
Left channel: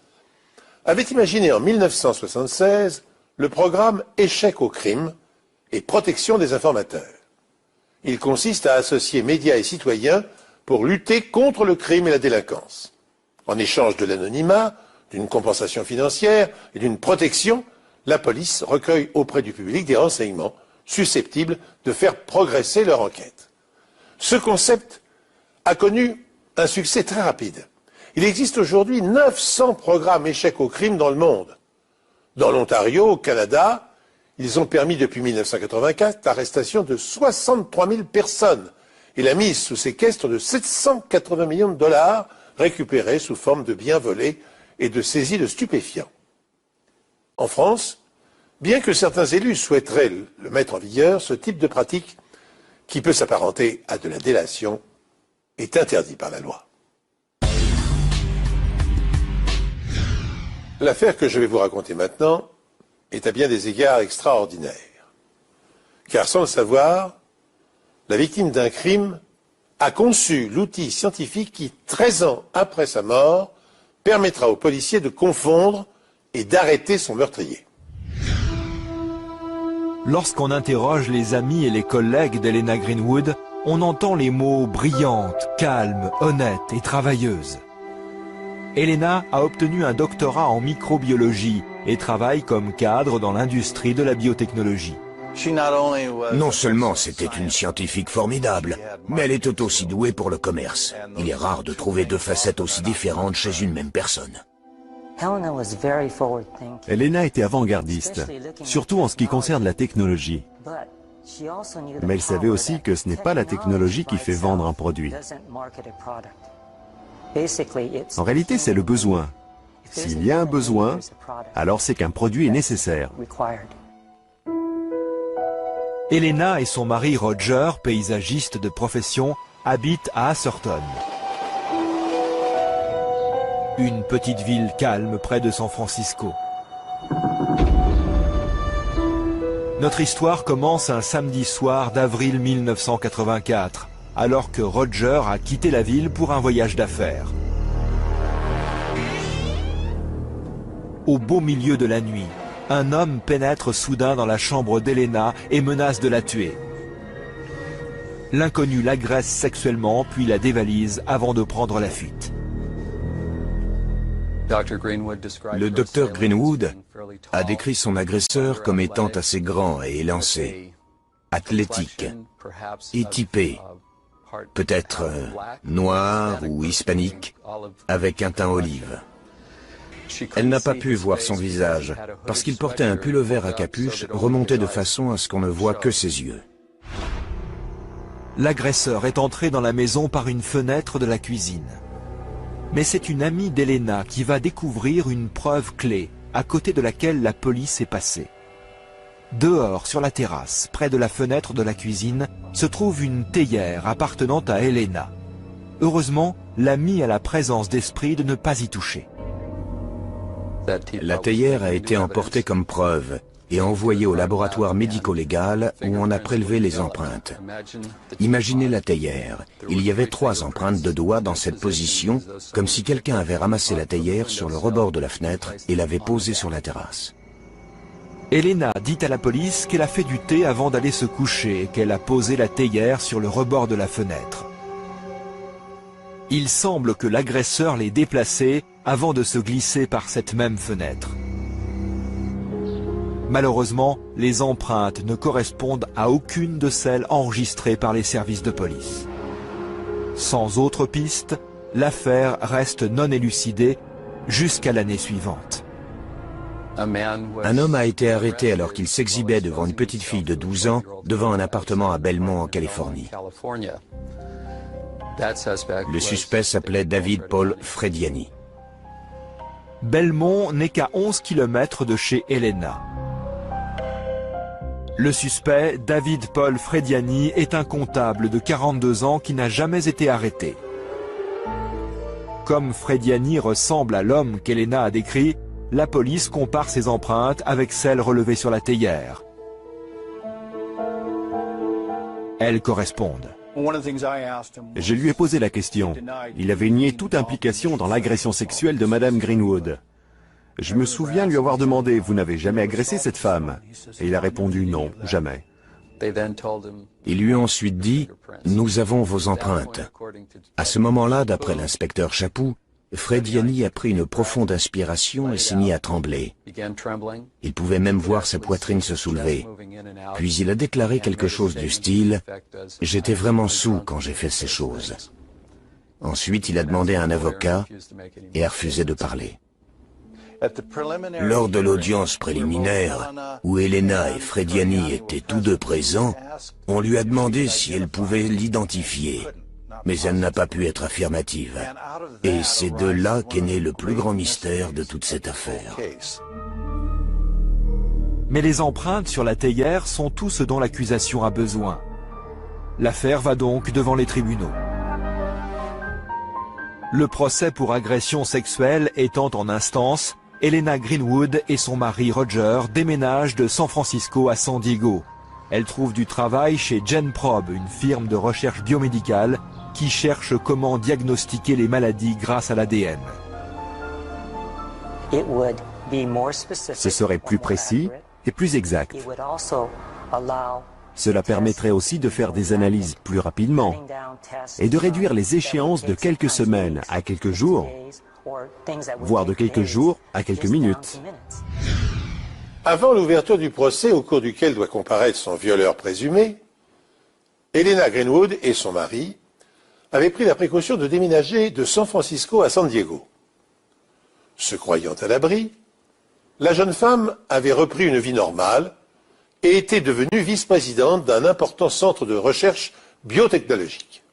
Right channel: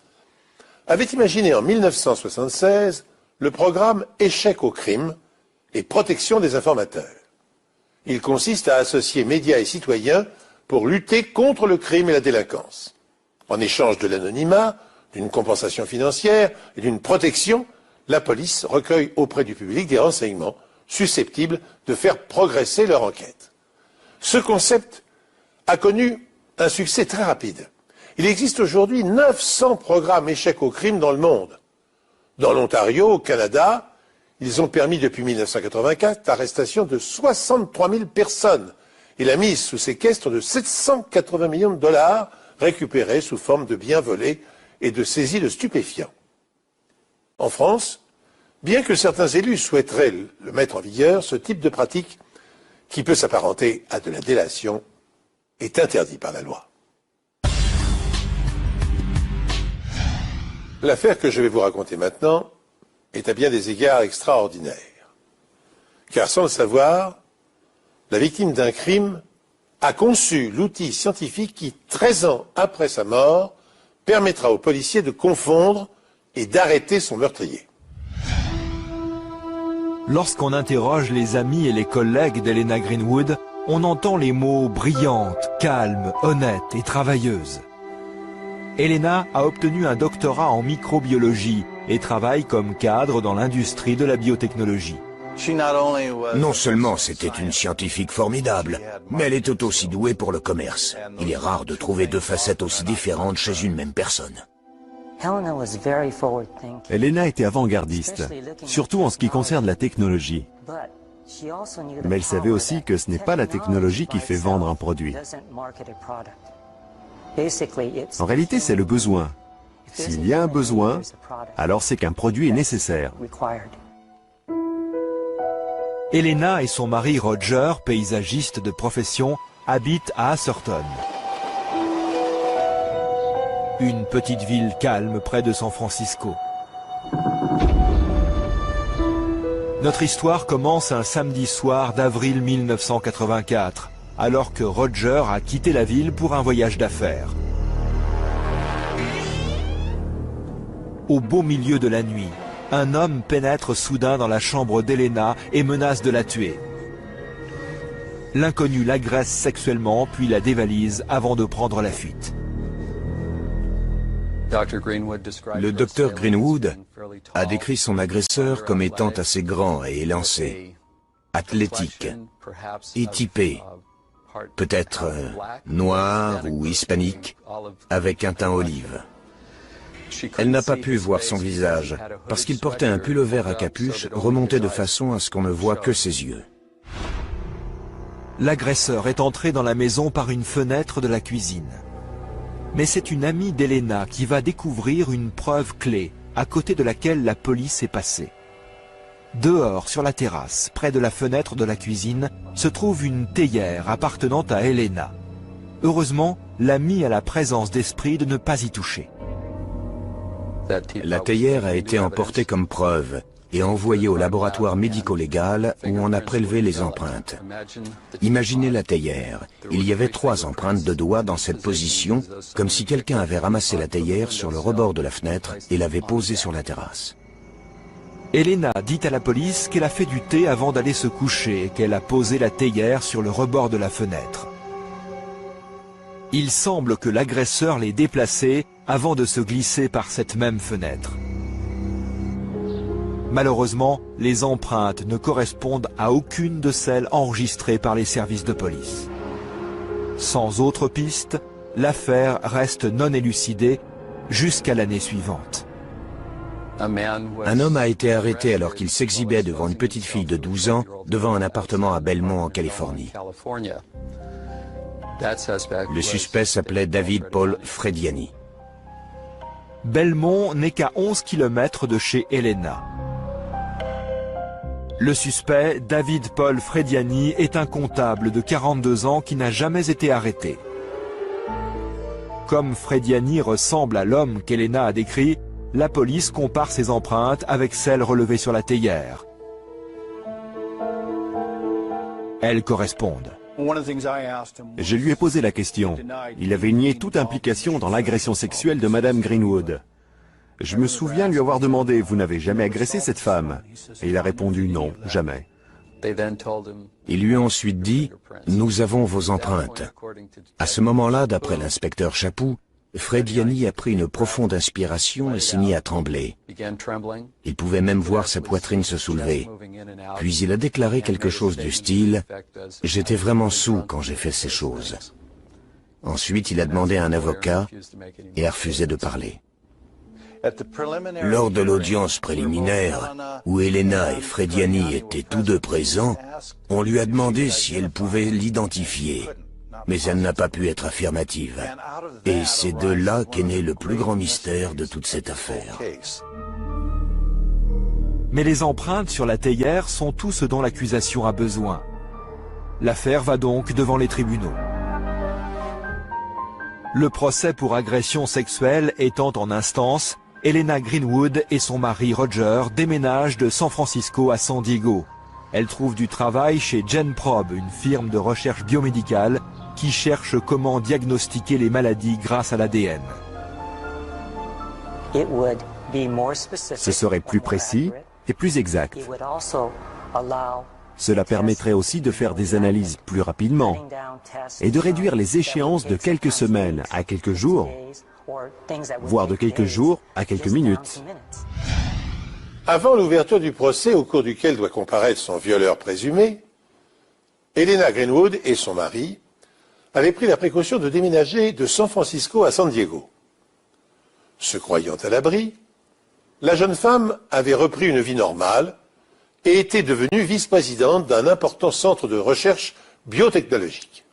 avait imaginé en 1976 le programme Échec au crime et protection des informateurs. Il consiste à associer médias et citoyens pour lutter contre le crime et la délinquance. En échange de l'anonymat, d'une compensation financière et d'une protection, la police recueille auprès du public des renseignements susceptibles de faire progresser leur enquête. Ce concept a connu un succès très rapide. Il existe aujourd'hui 900 programmes échecs au crime dans le monde. Dans l'Ontario, au Canada, ils ont permis depuis 1984 l'arrestation de 63 000 personnes et la mise sous séquestre de 780 millions de dollars récupérés sous forme de biens volés et de saisies de stupéfiants. En France, bien que certains élus souhaiteraient le mettre en vigueur, ce type de pratique, qui peut s'apparenter à de la délation, est interdit par la loi. L'affaire que je vais vous raconter maintenant est à bien des égards extraordinaire. Car sans le savoir, la victime d'un crime a conçu l'outil scientifique qui, 13 ans après sa mort, permettra aux policiers de confondre et d'arrêter son meurtrier. Lorsqu'on interroge les amis et les collègues d'Helena Greenwood, on entend les mots brillante, calme, honnête et travailleuse. Helena a obtenu un doctorat en microbiologie et travaille comme cadre dans l'industrie de la biotechnologie. Non seulement c'était une scientifique formidable, mais elle était aussi douée pour le commerce. Il est rare de trouver deux facettes aussi différentes chez une même personne. Helena était avant-gardiste, surtout en ce qui concerne la technologie. Mais elle savait aussi que ce n'est pas la technologie qui fait vendre un produit. En réalité, c'est le besoin. S'il y a un besoin, alors c'est qu'un produit est nécessaire. Helena et son mari Roger, paysagiste de profession, habitent à Asserton. Une petite ville calme près de San Francisco. Notre histoire commence un samedi soir d'avril 1984, alors que Roger a quitté la ville pour un voyage d'affaires. Au beau milieu de la nuit, un homme pénètre soudain dans la chambre d'Elena et menace de la tuer. L'inconnu l'agresse sexuellement puis la dévalise avant de prendre la fuite. Le docteur Greenwood a décrit son agresseur comme étant assez grand et élancé, athlétique et typé, peut-être noir ou hispanique, avec un teint olive. Elle n'a pas pu voir son visage, parce qu'il portait un pull vert à capuche remonté de façon à ce qu'on ne voit que ses yeux. L'agresseur est entré dans la maison par une fenêtre de la cuisine. Mais c'est une amie d'Elena qui va découvrir une preuve clé, à côté de laquelle la police est passée. Dehors, sur la terrasse, près de la fenêtre de la cuisine, se trouve une théière appartenant à Elena. Heureusement, l'amie a la présence d'esprit de ne pas y toucher. La théière a été emportée comme preuve et envoyée au laboratoire médico-légal où on a prélevé les empreintes. Imaginez la théière. Il y avait 3 empreintes de doigts dans cette position, comme si quelqu'un avait ramassé la théière sur le rebord de la fenêtre et l'avait posée sur la terrasse. Elena dit à la police qu'elle a fait du thé avant d'aller se coucher et qu'elle a posé la théière sur le rebord de la fenêtre. Il semble que l'agresseur l'ait déplacée avant de se glisser par cette même fenêtre. Malheureusement, les empreintes ne correspondent à aucune de celles enregistrées par les services de police. Sans autre piste, l'affaire reste non élucidée jusqu'à l'année suivante. Un homme a été arrêté alors qu'il s'exhibait devant une petite fille de 12 ans devant un appartement à Belmont en Californie. Le suspect s'appelait David Paul Frediani. Belmont n'est qu'à 11 km de chez Elena. Le suspect, David Paul Frediani, est un comptable de 42 ans qui n'a jamais été arrêté. Comme Frediani ressemble à l'homme qu'Elena a décrit, la police compare ses empreintes avec celles relevées sur la théière. Elles correspondent. Je lui ai posé la question. Il avait nié toute implication dans l'agression sexuelle de Madame Greenwood. Je me souviens lui avoir demandé « Vous n'avez jamais agressé cette femme ?» Et il a répondu « Non, jamais ». Ils lui ont ensuite dit « Nous avons vos empreintes ». À ce moment-là, d'après l'inspecteur Chaput, Frediani a pris une profonde inspiration et s'est mis à trembler. Il pouvait même voir sa poitrine se soulever. Puis il a déclaré quelque chose du style « J'étais vraiment saoul quand j'ai fait ces choses ». Ensuite, il a demandé à un avocat et a refusé de parler. Lors de l'audience préliminaire, où Elena et Frediani étaient tous deux présents, on lui a demandé si elle pouvait l'identifier. Mais elle n'a pas pu être affirmative. Et c'est de là qu'est né le plus grand mystère de toute cette affaire. Mais les empreintes sur la théière sont tout ce dont l'accusation a besoin. L'affaire va donc devant les tribunaux. Le procès pour agression sexuelle étant en instance, Elena Greenwood et son mari Roger déménagent de San Francisco à San Diego. Elle trouve du travail chez GenProbe, une firme de recherche biomédicale qui cherche comment diagnostiquer les maladies grâce à l'ADN. Ce serait plus précis et plus exact. Cela permettrait aussi de faire des analyses plus rapidement et de réduire les échéances de quelques semaines à quelques jours, voire de quelques jours à quelques minutes. Avant l'ouverture du procès au cours duquel doit comparaître son violeur présumé, Elena Greenwood et son mari avaient pris la précaution de déménager de San Francisco à San Diego. Se croyant à l'abri, la jeune femme avait repris une vie normale et était devenue vice-présidente d'un important centre de recherche biotechnologique.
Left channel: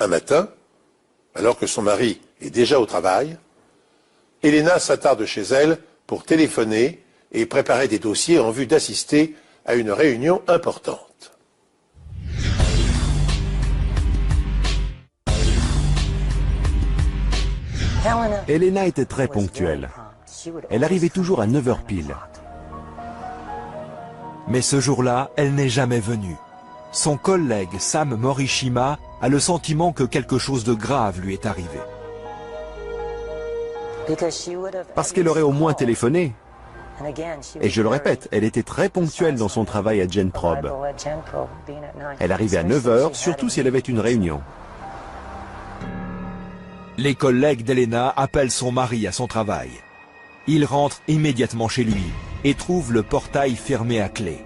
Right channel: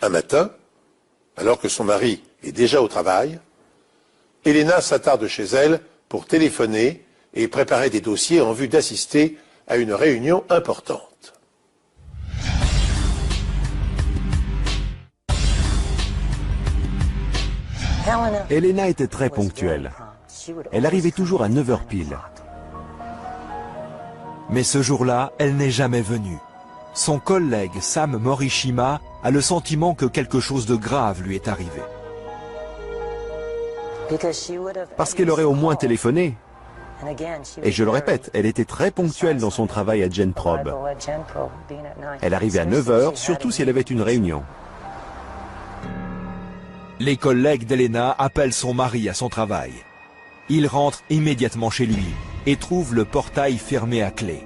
Un matin, alors que son mari est déjà au travail, Elena s'attarde chez elle pour téléphoner et préparer des dossiers en vue d'assister à une réunion importante. Elena était très ponctuelle. Elle arrivait toujours à 9h pile. Mais ce jour-là, elle n'est jamais venue. Son collègue Sam Morishima a le sentiment que quelque chose de grave lui est arrivé. Parce qu'elle aurait au moins téléphoné. Et je le répète, elle était très ponctuelle dans son travail à GenProbe. Elle arrivait à 9 h, surtout si elle avait une réunion. Les collègues d'Elena appellent son mari à son travail. Il rentre immédiatement chez lui et trouve le portail fermé à clé.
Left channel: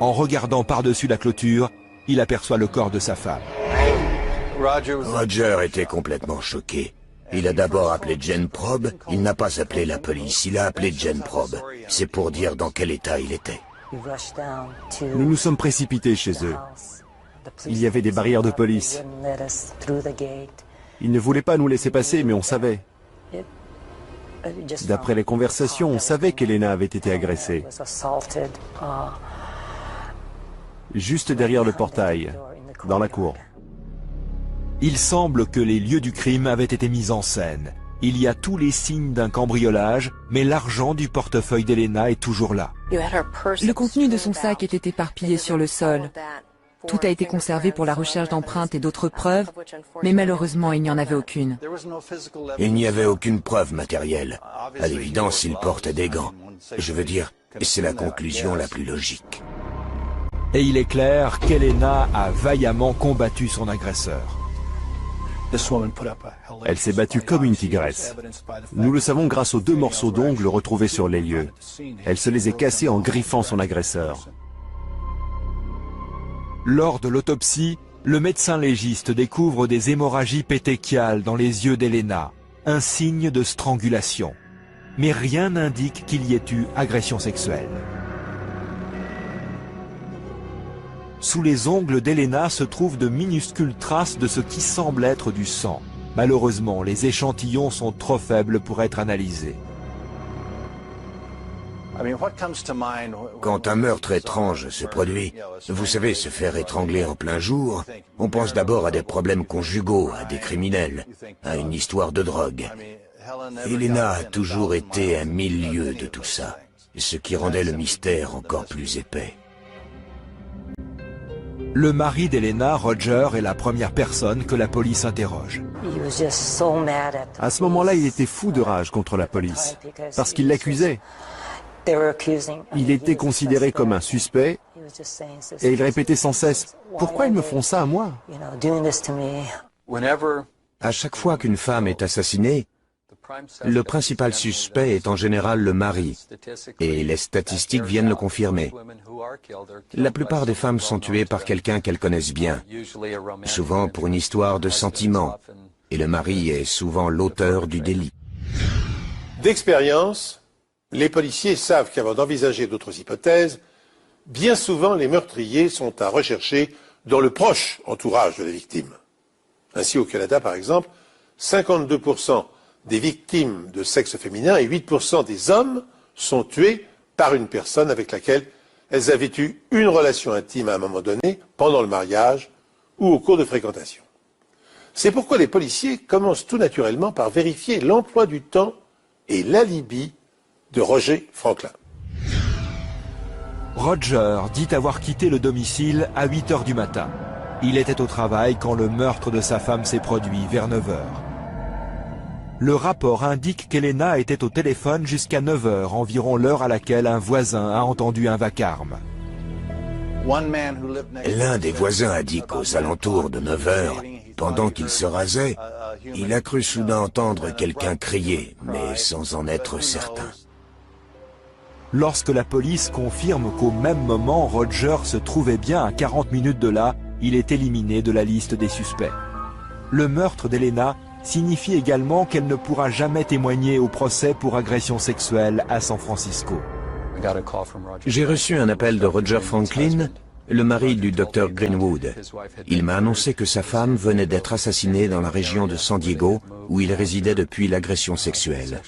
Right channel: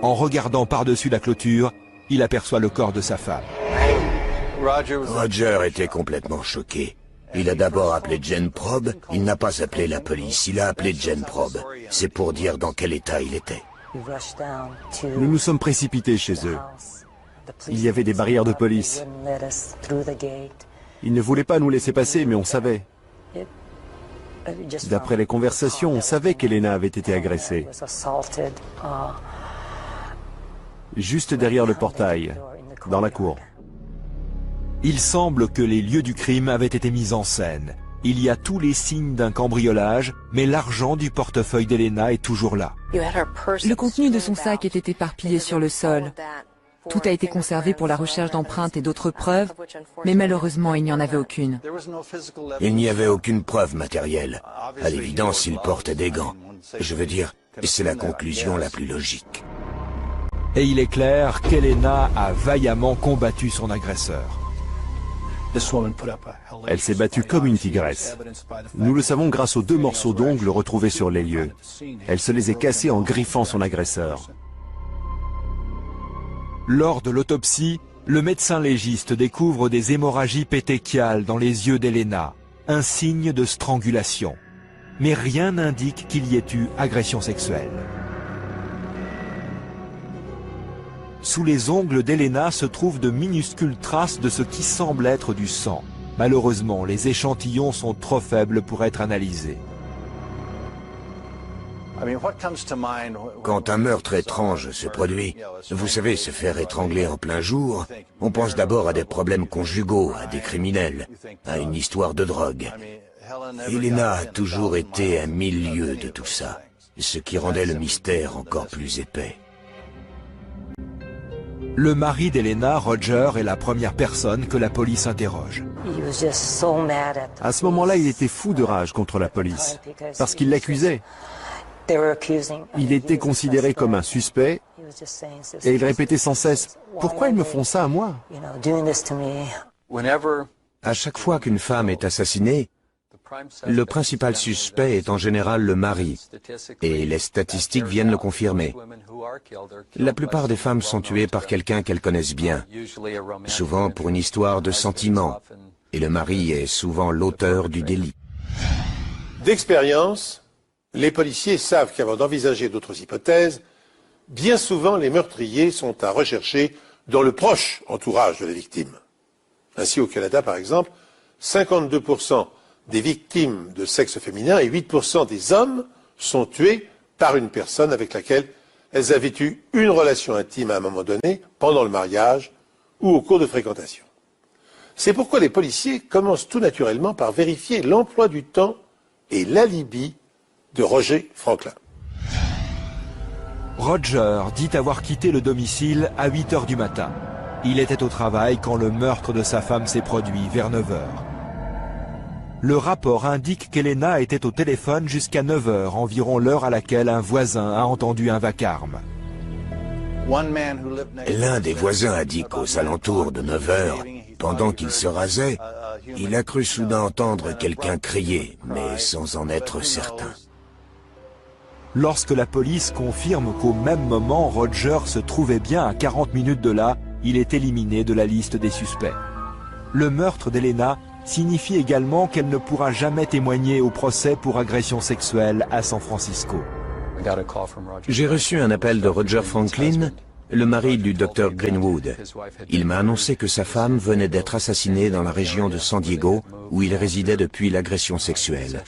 En regardant par-dessus la clôture, il aperçoit le corps de sa femme. Roger était complètement choqué. Il a d'abord appelé GenProbe, il n'a pas appelé la police, il a appelé GenProbe. C'est pour dire dans quel état il était. Nous nous sommes précipités chez eux. Il y avait des barrières de police. Ils ne voulaient pas nous laisser passer, mais on savait. D'après les conversations, on savait qu'Elena avait été agressée. Juste derrière le portail, dans la cour. Il semble que les lieux du crime avaient été mis en scène. Il y a tous les signes d'un cambriolage, mais l'argent du portefeuille d'Elena est toujours là. Le contenu de son sac était éparpillé sur le sol. Tout a été conservé pour la recherche d'empreintes et d'autres preuves, mais malheureusement, il n'y en avait aucune. Il n'y avait aucune preuve matérielle. À l'évidence, il portait des gants. Je veux dire, c'est la conclusion la plus logique. Et il est clair qu'Elena a vaillamment combattu son agresseur. Elle s'est battue comme une tigresse. Nous le savons grâce aux 2 morceaux d'ongles retrouvés sur les lieux. Elle se les est cassés en griffant son agresseur. Lors de l'autopsie, le médecin légiste découvre des hémorragies pétéchiales dans les yeux d'Elena, un signe de strangulation. Mais rien n'indique qu'il y ait eu agression sexuelle. Sous les ongles d'Elena se trouvent de minuscules traces de ce qui semble être du sang. Malheureusement, les échantillons sont trop faibles pour être analysés. Quand un meurtre étrange se produit, vous savez, se faire étrangler en plein jour, on pense d'abord à des problèmes conjugaux, à des criminels, à une histoire de drogue. Elena a toujours été à milieu de tout ça, ce qui rendait le mystère encore plus épais. Le mari d'Elena, Roger, est la première personne que la police interroge. À ce moment-là, il était fou de rage contre la police, parce qu'il l'accusait. Il était considéré comme un suspect, et il répétait sans cesse « Pourquoi ils me font ça à moi ?» À chaque fois qu'une femme est assassinée, le principal suspect est en général le mari, et les statistiques viennent le confirmer. La plupart des femmes sont tuées par quelqu'un qu'elles connaissent bien, souvent pour une histoire de sentiment, et le mari est souvent l'auteur du délit. D'expérience, les policiers savent qu'avant d'envisager d'autres hypothèses, bien souvent les meurtriers sont à rechercher dans le proche entourage de la victime. Ainsi, au Canada, par exemple, 52% des victimes de sexe féminin et 8% des hommes sont tués par une personne avec laquelle elles avaient eu une relation intime à un moment donné, pendant le mariage ou au cours de fréquentation. C'est pourquoi les policiers commencent tout naturellement par vérifier l'emploi du temps et l'alibi de Roger Franklin. Roger dit avoir quitté le domicile à 8 h du matin. Il était au travail quand le meurtre de sa femme s'est produit vers 9 h. Le rapport indique qu'Elena était au téléphone jusqu'à 9 h, environ l'heure à laquelle un voisin a entendu un vacarme. L'un des voisins a dit qu'aux alentours de 9 h, pendant qu'il se rasait, il a cru soudain entendre quelqu'un crier, mais sans en être certain. Lorsque la police confirme qu'au même moment, Roger se trouvait bien à 40 minutes de là, il est éliminé de la liste des suspects. Le meurtre d'Elena signifie également qu'elle ne pourra jamais témoigner au procès pour agression sexuelle à San Francisco. J'ai reçu un appel de Roger Franklin, le mari du docteur Greenwood. Il m'a annoncé que sa femme venait d'être assassinée dans la région de San Diego, où il résidait depuis l'agression sexuelle.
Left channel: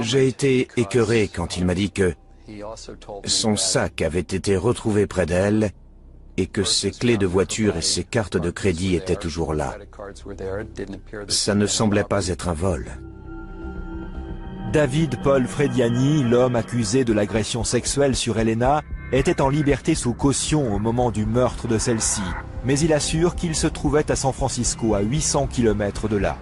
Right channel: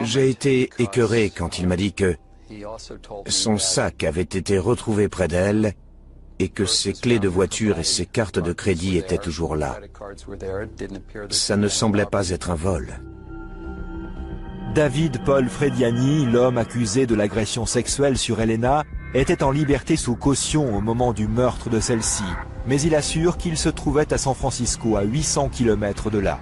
J'ai été écœuré quand il m'a dit que son sac avait été retrouvé près d'elle et que ses clés de voiture et ses cartes de crédit étaient toujours là. Ça ne semblait pas être un vol. David Paul Frediani, l'homme accusé de l'agression sexuelle sur Elena, était en liberté sous caution au moment du meurtre de celle-ci, mais il assure qu'il se trouvait à San Francisco, à 800 km de là.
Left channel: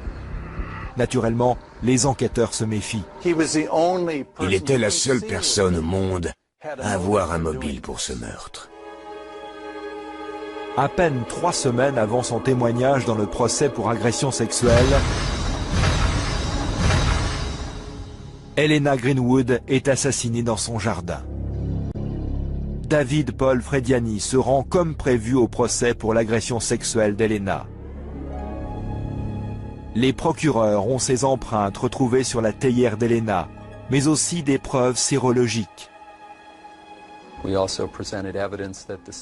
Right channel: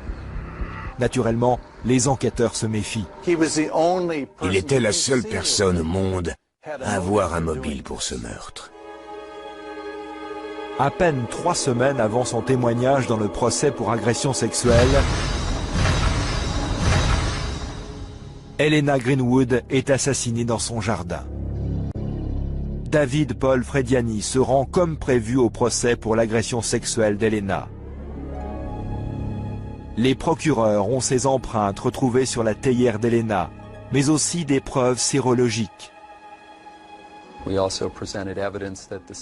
Naturellement, les enquêteurs se méfient. Il était la seule personne au monde à avoir un mobile pour ce meurtre. À peine 3 semaines avant son témoignage dans le procès pour agression sexuelle, Helena Greenwood est assassinée dans son jardin. David Paul Frediani se rend comme prévu au procès pour l'agression sexuelle d'Helena. Les procureurs ont ces empreintes retrouvées sur la théière d'Helena, mais aussi des preuves sérologiques.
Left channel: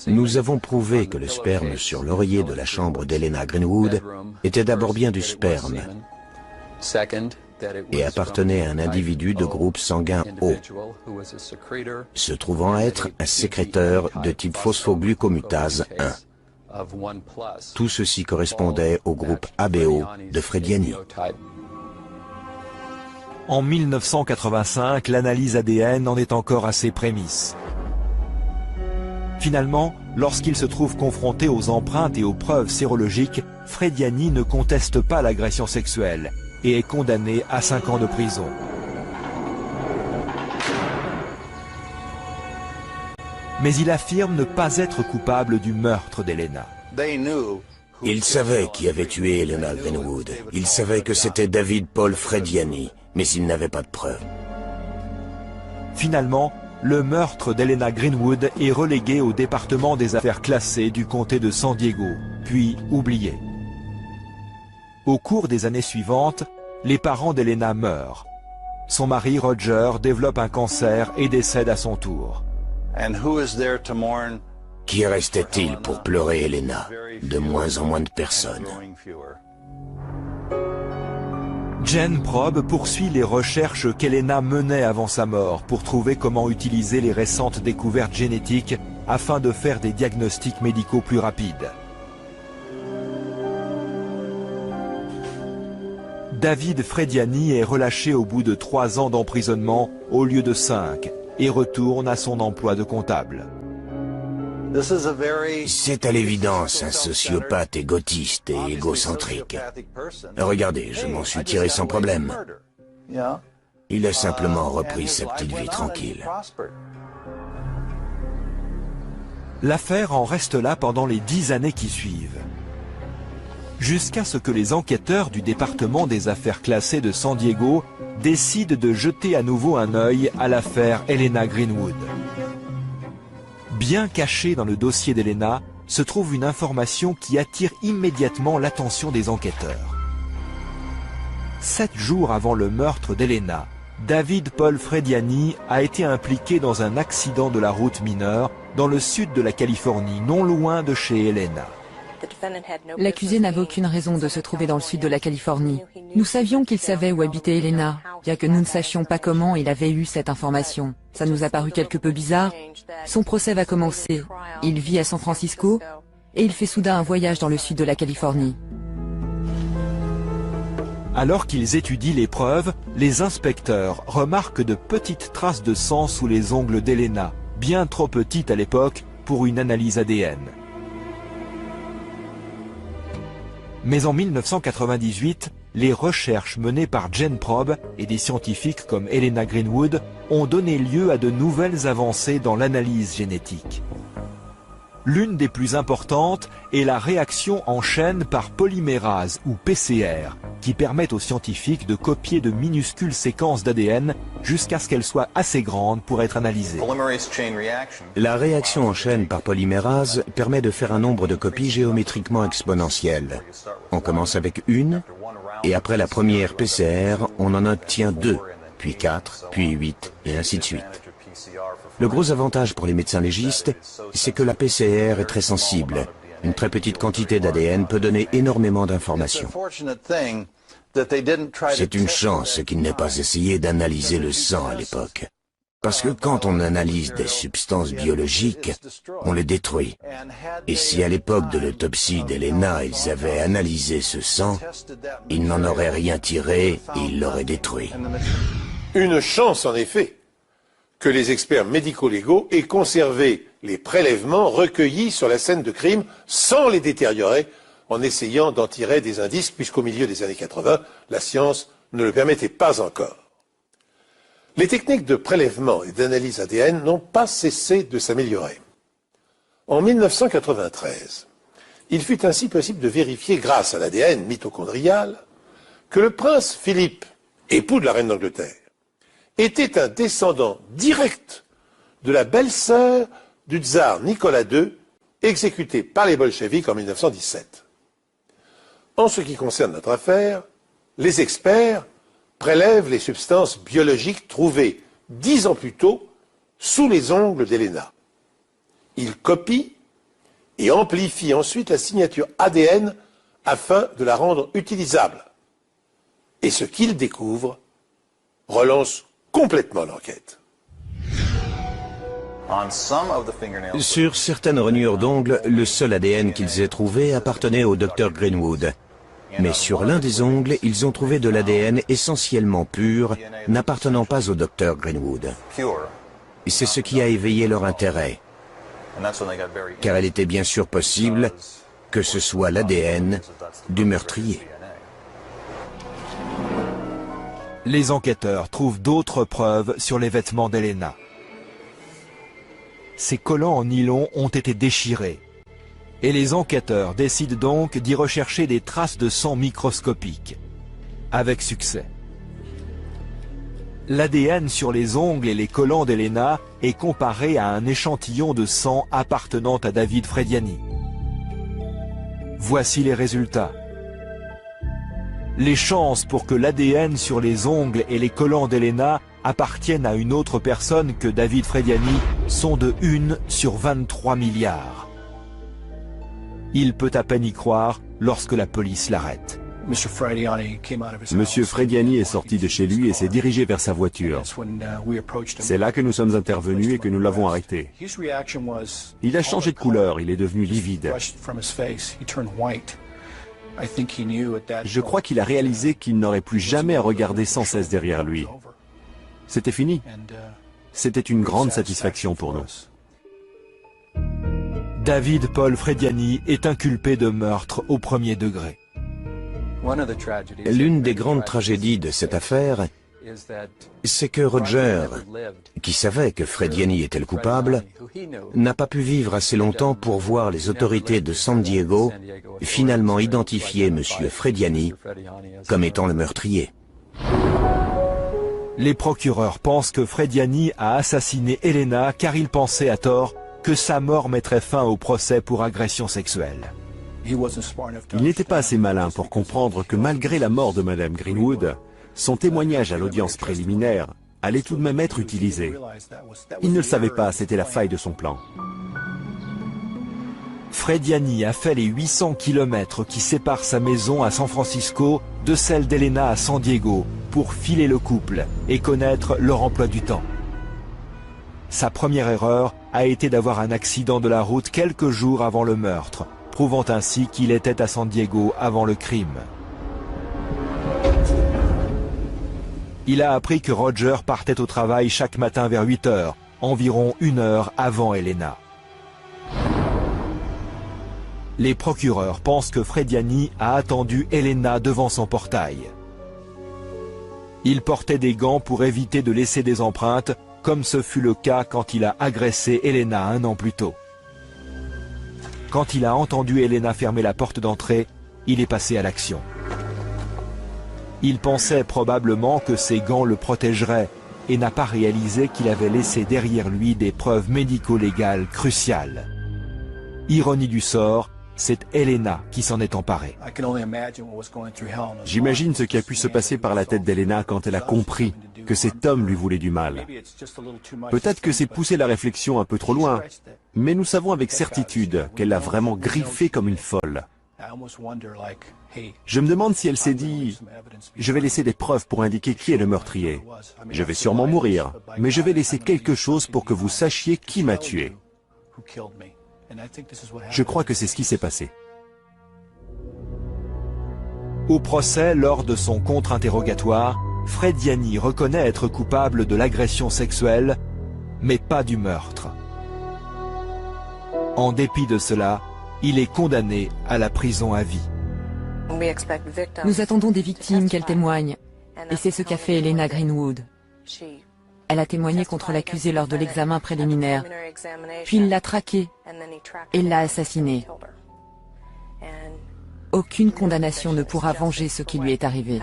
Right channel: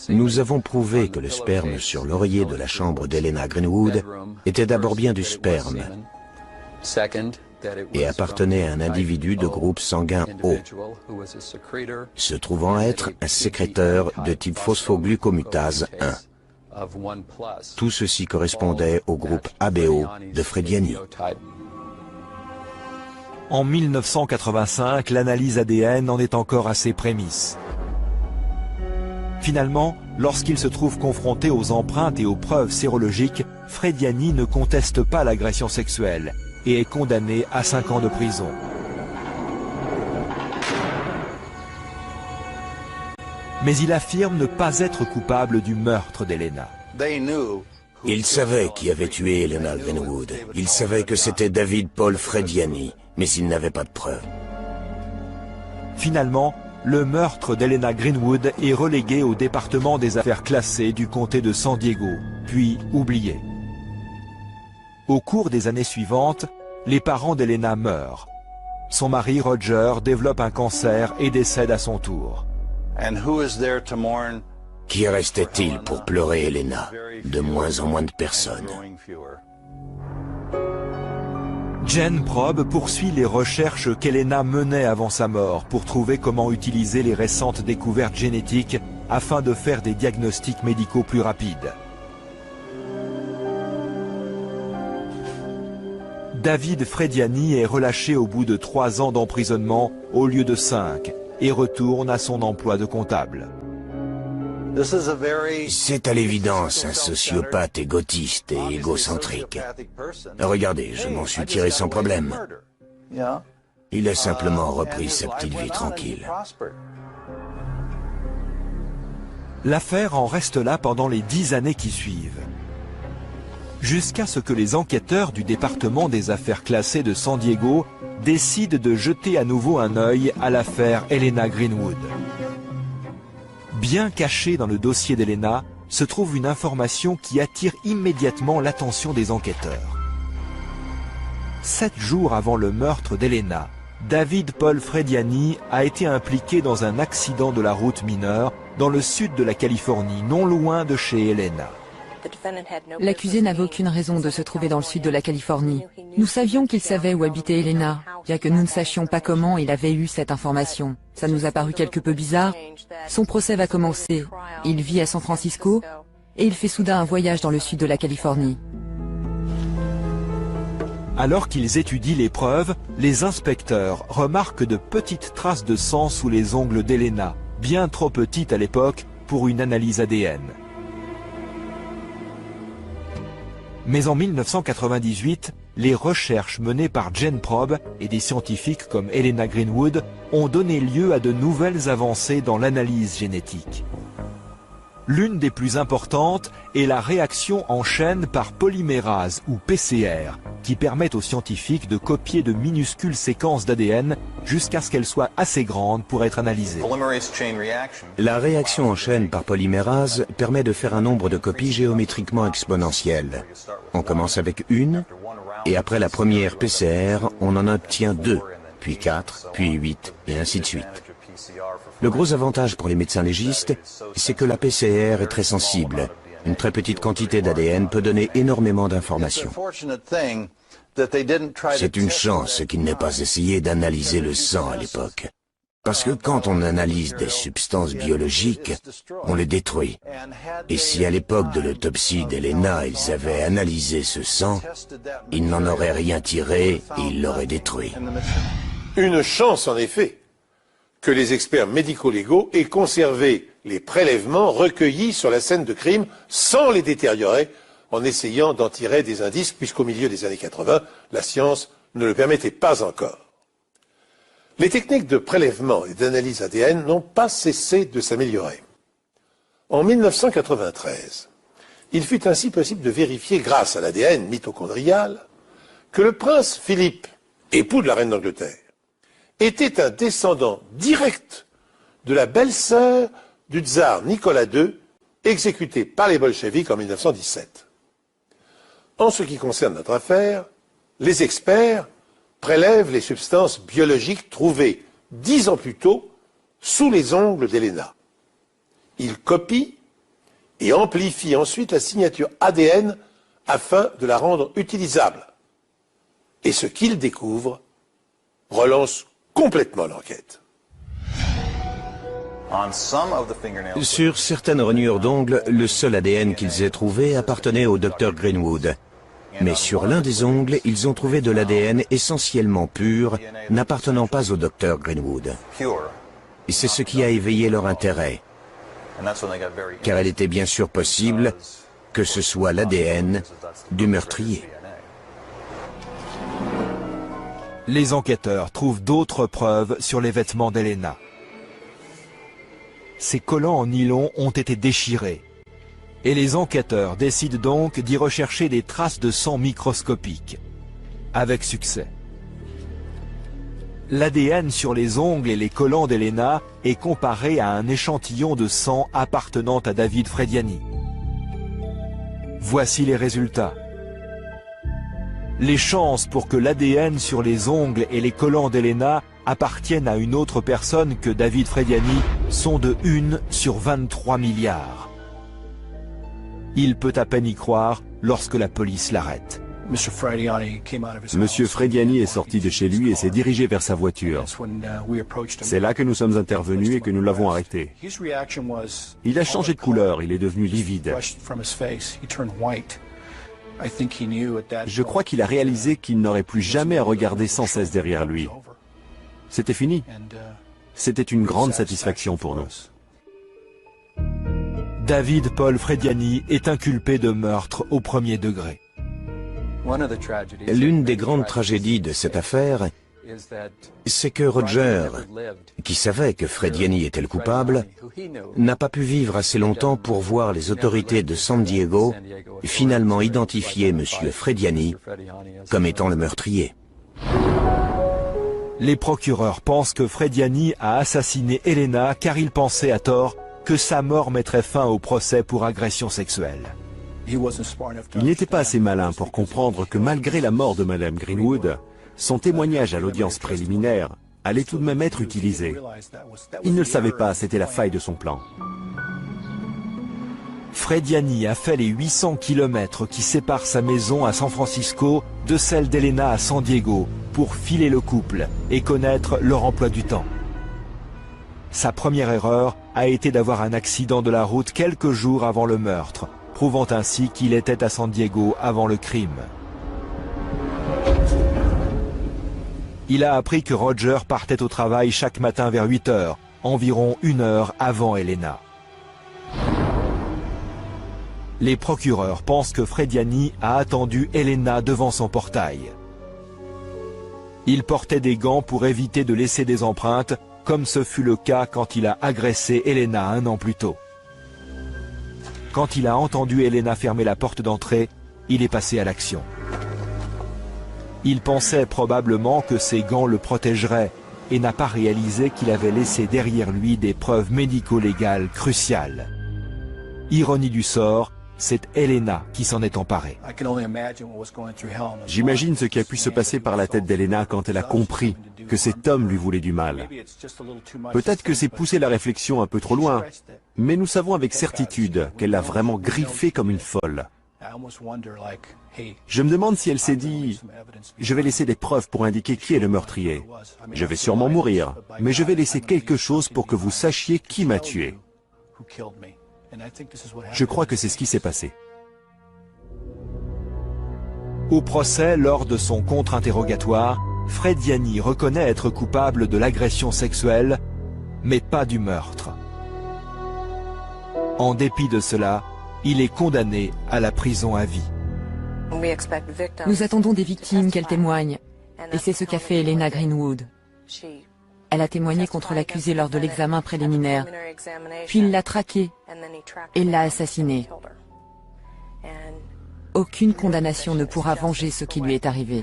Nous avons prouvé que le sperme sur l'oreiller de la chambre d'Helena Greenwood était d'abord bien du sperme et appartenait à un individu de groupe sanguin O, se trouvant être un sécréteur de type phosphoglucomutase 1. Tout ceci correspondait au groupe ABO de Frediani. En 1985, l'analyse ADN en est encore à ses prémices. Finalement, lorsqu'il se trouve confronté aux empreintes et aux preuves sérologiques, Frediani ne conteste pas l'agression sexuelle et est condamné à 5 ans de prison. Mais il affirme ne pas être coupable du meurtre d'Helena. Il savait qui avait tué Helena Greenwood. Il savait que c'était David Paul Frediani, mais il n'avait pas de preuves. Finalement, le meurtre d'Helena Greenwood est relégué au département des affaires classées du comté de San Diego, puis oublié. Au cours des années suivantes, les parents d'Helena meurent. Son mari Roger développe un cancer et décède à son tour. Qui restait-il pour pleurer Helena? De moins en moins de personnes. GenProbe poursuit les recherches qu'Helena menait avant sa mort pour trouver comment utiliser les récentes découvertes génétiques afin de faire des diagnostics médicaux plus rapides. David Frediani est relâché au bout de 3 ans d'emprisonnement au lieu de 5 et retourne à son emploi de comptable. C'est à l'évidence un sociopathe égotiste et égocentrique. Regardez, je m'en suis tiré sans problème. Il a simplement repris sa petite vie tranquille. L'affaire en reste là pendant les 10 années qui suivent. Jusqu'à ce que les enquêteurs du département des affaires classées de San Diego décident de jeter à nouveau un œil à l'affaire Helena Greenwood. Bien cachée dans le dossier d'Helena, se trouve une information qui attire immédiatement l'attention des enquêteurs. 7 jours avant le meurtre d'Helena, David Paul Frediani a été impliqué dans un accident de la route mineure dans le sud de la Californie, non loin de chez Helena. L'accusé n'avait aucune raison de se trouver dans le sud de la Californie. Nous savions qu'il savait où habitait Helena, bien que nous ne sachions pas comment il avait eu cette information. Ça nous a paru quelque peu bizarre. Son procès va commencer. Il vit à San Francisco et il fait soudain un voyage dans le sud de la Californie. Alors qu'ils étudient les preuves, les inspecteurs remarquent de petites traces de sang sous les ongles d'Helena, bien trop petites à l'époque pour une analyse ADN. Mais en 1998, les recherches menées par GenProbe et des scientifiques comme Helena Greenwood ont donné lieu à de nouvelles avancées dans l'analyse génétique. L'une des plus importantes est la réaction en chaîne par polymérase ou PCR, qui permet aux scientifiques de copier de minuscules séquences d'ADN jusqu'à ce qu'elles soient assez grandes pour être analysées. La réaction en chaîne par polymérase permet de faire un nombre de copies géométriquement exponentiel. On commence avec 1, et après la première PCR, on en obtient 2, puis 4, puis 8, et ainsi de suite. Le gros avantage pour les médecins légistes, c'est que la PCR est très sensible. Une très petite quantité d'ADN peut donner énormément d'informations. C'est une chance qu'ils n'aient pas essayé d'analyser le sang à l'époque. Parce que quand on analyse des substances biologiques, on les détruit. Et si à l'époque de l'autopsie d'Helena, ils avaient analysé ce sang, ils n'en auraient rien tiré et ils l'auraient détruit. Une chance en effet que les experts médico-légaux aient conservé les prélèvements recueillis sur la scène de crime sans les détériorer en essayant d'en tirer des indices, puisqu'au milieu des années 80, la science ne le permettait pas encore. Les techniques de prélèvement et d'analyse ADN n'ont pas cessé de s'améliorer. En 1993, il fut ainsi possible de vérifier, grâce à l'ADN mitochondrial, que le prince Philippe, époux de la reine d'Angleterre, était un descendant direct de la belle-sœur du tsar Nicolas II, exécuté par les bolcheviks en 1917. En ce qui concerne notre affaire, les experts prélèvent les substances biologiques trouvées 10 ans plus tôt sous les ongles d'Helena. Ils copient et amplifient ensuite la signature ADN afin de la rendre utilisable. Et ce qu'ils découvrent relance complètement l'enquête. Sur certaines rainures d'ongles, le seul ADN qu'ils aient trouvé appartenait au docteur Greenwood. Mais sur l'un des ongles, ils ont trouvé de l'ADN essentiellement pur, n'appartenant pas au docteur Greenwood. C'est ce qui a éveillé leur intérêt, car il était bien sûr possible que ce soit l'ADN du meurtrier. Les enquêteurs trouvent d'autres preuves sur les vêtements d'Helena. Ces collants en nylon ont été déchirés. Et les enquêteurs décident donc d'y rechercher des traces de sang microscopiques. Avec succès. L'ADN sur les ongles et les collants d'Helena est comparé à un échantillon de sang appartenant à David Frediani. Voici les résultats. Les chances pour que l'ADN sur les ongles et les collants d'Helena appartiennent à une autre personne que David Frediani sont de 1 sur 23 milliards. Il peut à peine y croire lorsque la police l'arrête. Monsieur Frediani est sorti de chez lui et s'est dirigé vers sa voiture. C'est là que nous sommes intervenus et que nous l'avons arrêté. Il a changé de couleur, il est devenu livide. Je crois qu'il a réalisé qu'il n'aurait plus jamais à regarder sans cesse derrière lui. C'était fini. C'était une grande satisfaction pour nous. David Paul Frediani est inculpé de meurtre au premier degré. L'une des grandes tragédies de cette affaire, c'est que Roger, qui savait que Frediani était le coupable, n'a pas pu vivre assez longtemps pour voir les autorités de San Diego finalement identifier M. Frediani comme étant le meurtrier. Les procureurs pensent que Frediani a assassiné Helena car il pensait à tort que sa mort mettrait fin au procès pour agression sexuelle. Il n'était pas assez malin pour comprendre que malgré la mort de Madame Greenwood, son témoignage à l'audience préliminaire allait tout de même être utilisé. Il ne le savait pas, c'était la faille de son plan. Frediani a fait les 800 km qui séparent sa maison à San Francisco de celle d'Helena à San Diego pour filer le couple et connaître leur emploi du temps. Sa première erreur a été d'avoir un accident de la route quelques jours avant le meurtre, prouvant ainsi qu'il était à San Diego avant le crime. Il a appris que Roger partait au travail chaque matin vers 8 h, environ 1 heure avant Helena. Les procureurs pensent que Frediani a attendu Helena devant son portail. Il portait des gants pour éviter de laisser des empreintes, comme ce fut le cas quand il a agressé Helena 1 an plus tôt. Quand il a entendu Helena fermer la porte d'entrée, il est passé à l'action. Il pensait probablement que ses gants le protégeraient et n'a pas réalisé qu'il avait laissé derrière lui des preuves médico-légales cruciales. Ironie du sort, c'est Helena qui s'en est emparée. J'imagine ce qui a pu se passer par la tête d'Helena quand elle a compris que cet homme lui voulait du mal. Peut-être que c'est pousser la réflexion un peu trop loin, mais nous savons avec certitude qu'elle a vraiment griffé comme une folle. Je me demande si elle s'est dit « Je vais laisser des preuves pour indiquer qui est le meurtrier. Je vais sûrement mourir, mais je vais laisser quelque chose pour que vous sachiez qui m'a tué. » Je crois que c'est ce qui s'est passé. Au procès, lors de son contre-interrogatoire, Frediani reconnaît être coupable de l'agression sexuelle, mais pas du meurtre. En dépit de cela, il est condamné à la prison à vie. Nous attendons des victimes qu'elles témoignent, et c'est ce qu'a fait Elena Greenwood. Elle a témoigné contre l'accusé lors de l'examen préliminaire, puis il l'a traqué et l'a assassiné. Aucune condamnation ne pourra venger ce qui lui est arrivé.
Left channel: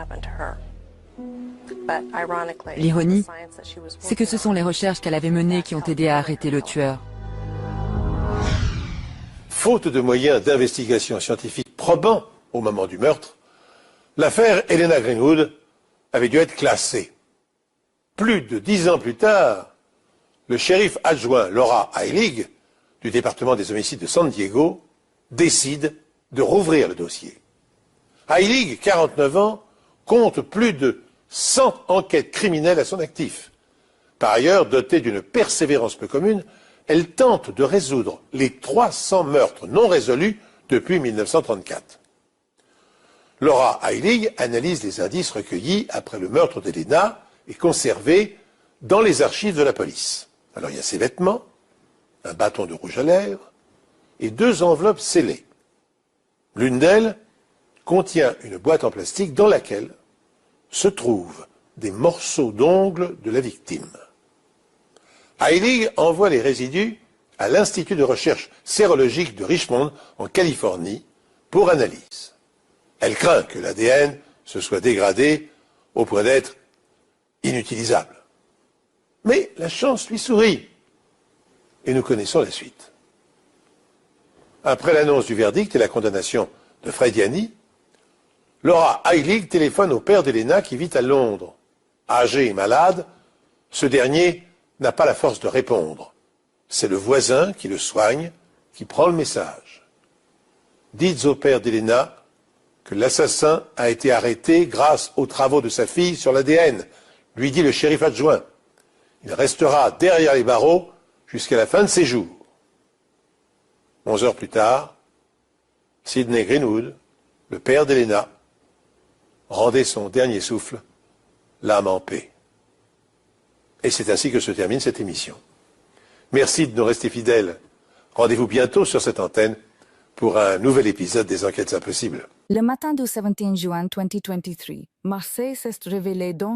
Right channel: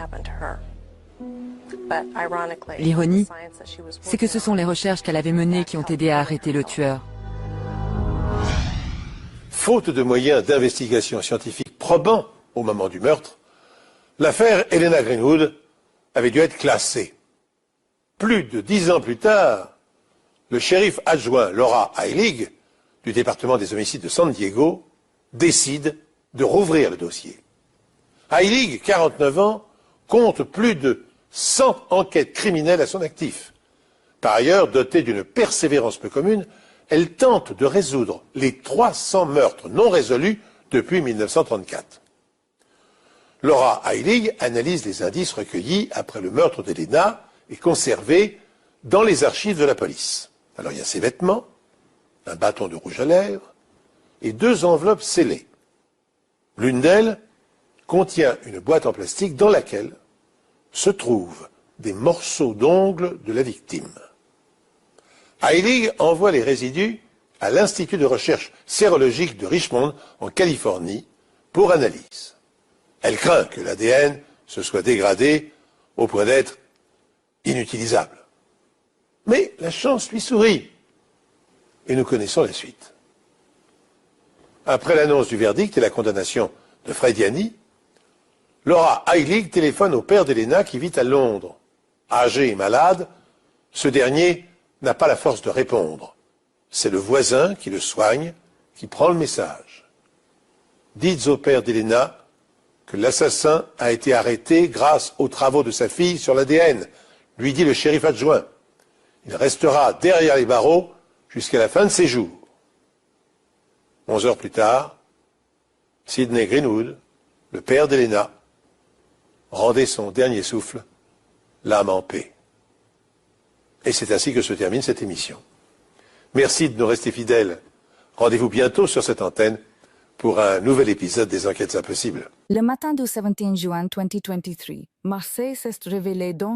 L'ironie, c'est que ce sont les recherches qu'elle avait menées qui ont aidé à arrêter le tueur. Faute de moyens d'investigation scientifique probants au moment du meurtre, l'affaire Elena Greenwood avait dû être classée. Plus de 10 ans plus tard, le shérif adjoint Laura Heilig, du département des homicides de San Diego, décide de rouvrir le dossier. Heilig, 49 ans, compte plus de 100 enquêtes criminelles à son actif. Par ailleurs, dotée d'une persévérance peu commune, elle tente de résoudre les 300 meurtres non résolus depuis 1934. Laura Heilig analyse les indices recueillis après le meurtre d'Elena et conservés dans les archives de la police. Alors il y a ses vêtements, un bâton de rouge à lèvres et 2 enveloppes scellées. L'une d'elles contient une boîte en plastique dans laquelle se trouvent des morceaux d'ongles de la victime. Heilig envoie les résidus à l'Institut de recherche sérologique de Richmond, en Californie, pour analyse. Elle craint que l'ADN se soit dégradé au point d'être inutilisable. Mais la chance lui sourit, et nous connaissons la suite. Après l'annonce du verdict et la condamnation de Frediani, Laura Heilig téléphone au père d'Elena qui vit à Londres. Âgé et malade, ce dernier n'a pas la force de répondre. C'est le voisin qui le soigne qui prend le message. Dites au père d'Elena que l'assassin a été arrêté grâce aux travaux de sa fille sur l'ADN, lui dit le shérif adjoint. Il restera derrière les barreaux jusqu'à la fin de ses jours. 11 heures plus tard, Sidney Greenwood, le père d'Elena, rendait son dernier souffle, l'âme en paix. Et c'est ainsi que se termine cette émission. Merci de nous rester fidèles. Rendez-vous bientôt sur cette antenne pour un nouvel épisode des Enquêtes Impossibles. Le matin du 17 juin 2023, Marseille s'est révélé dans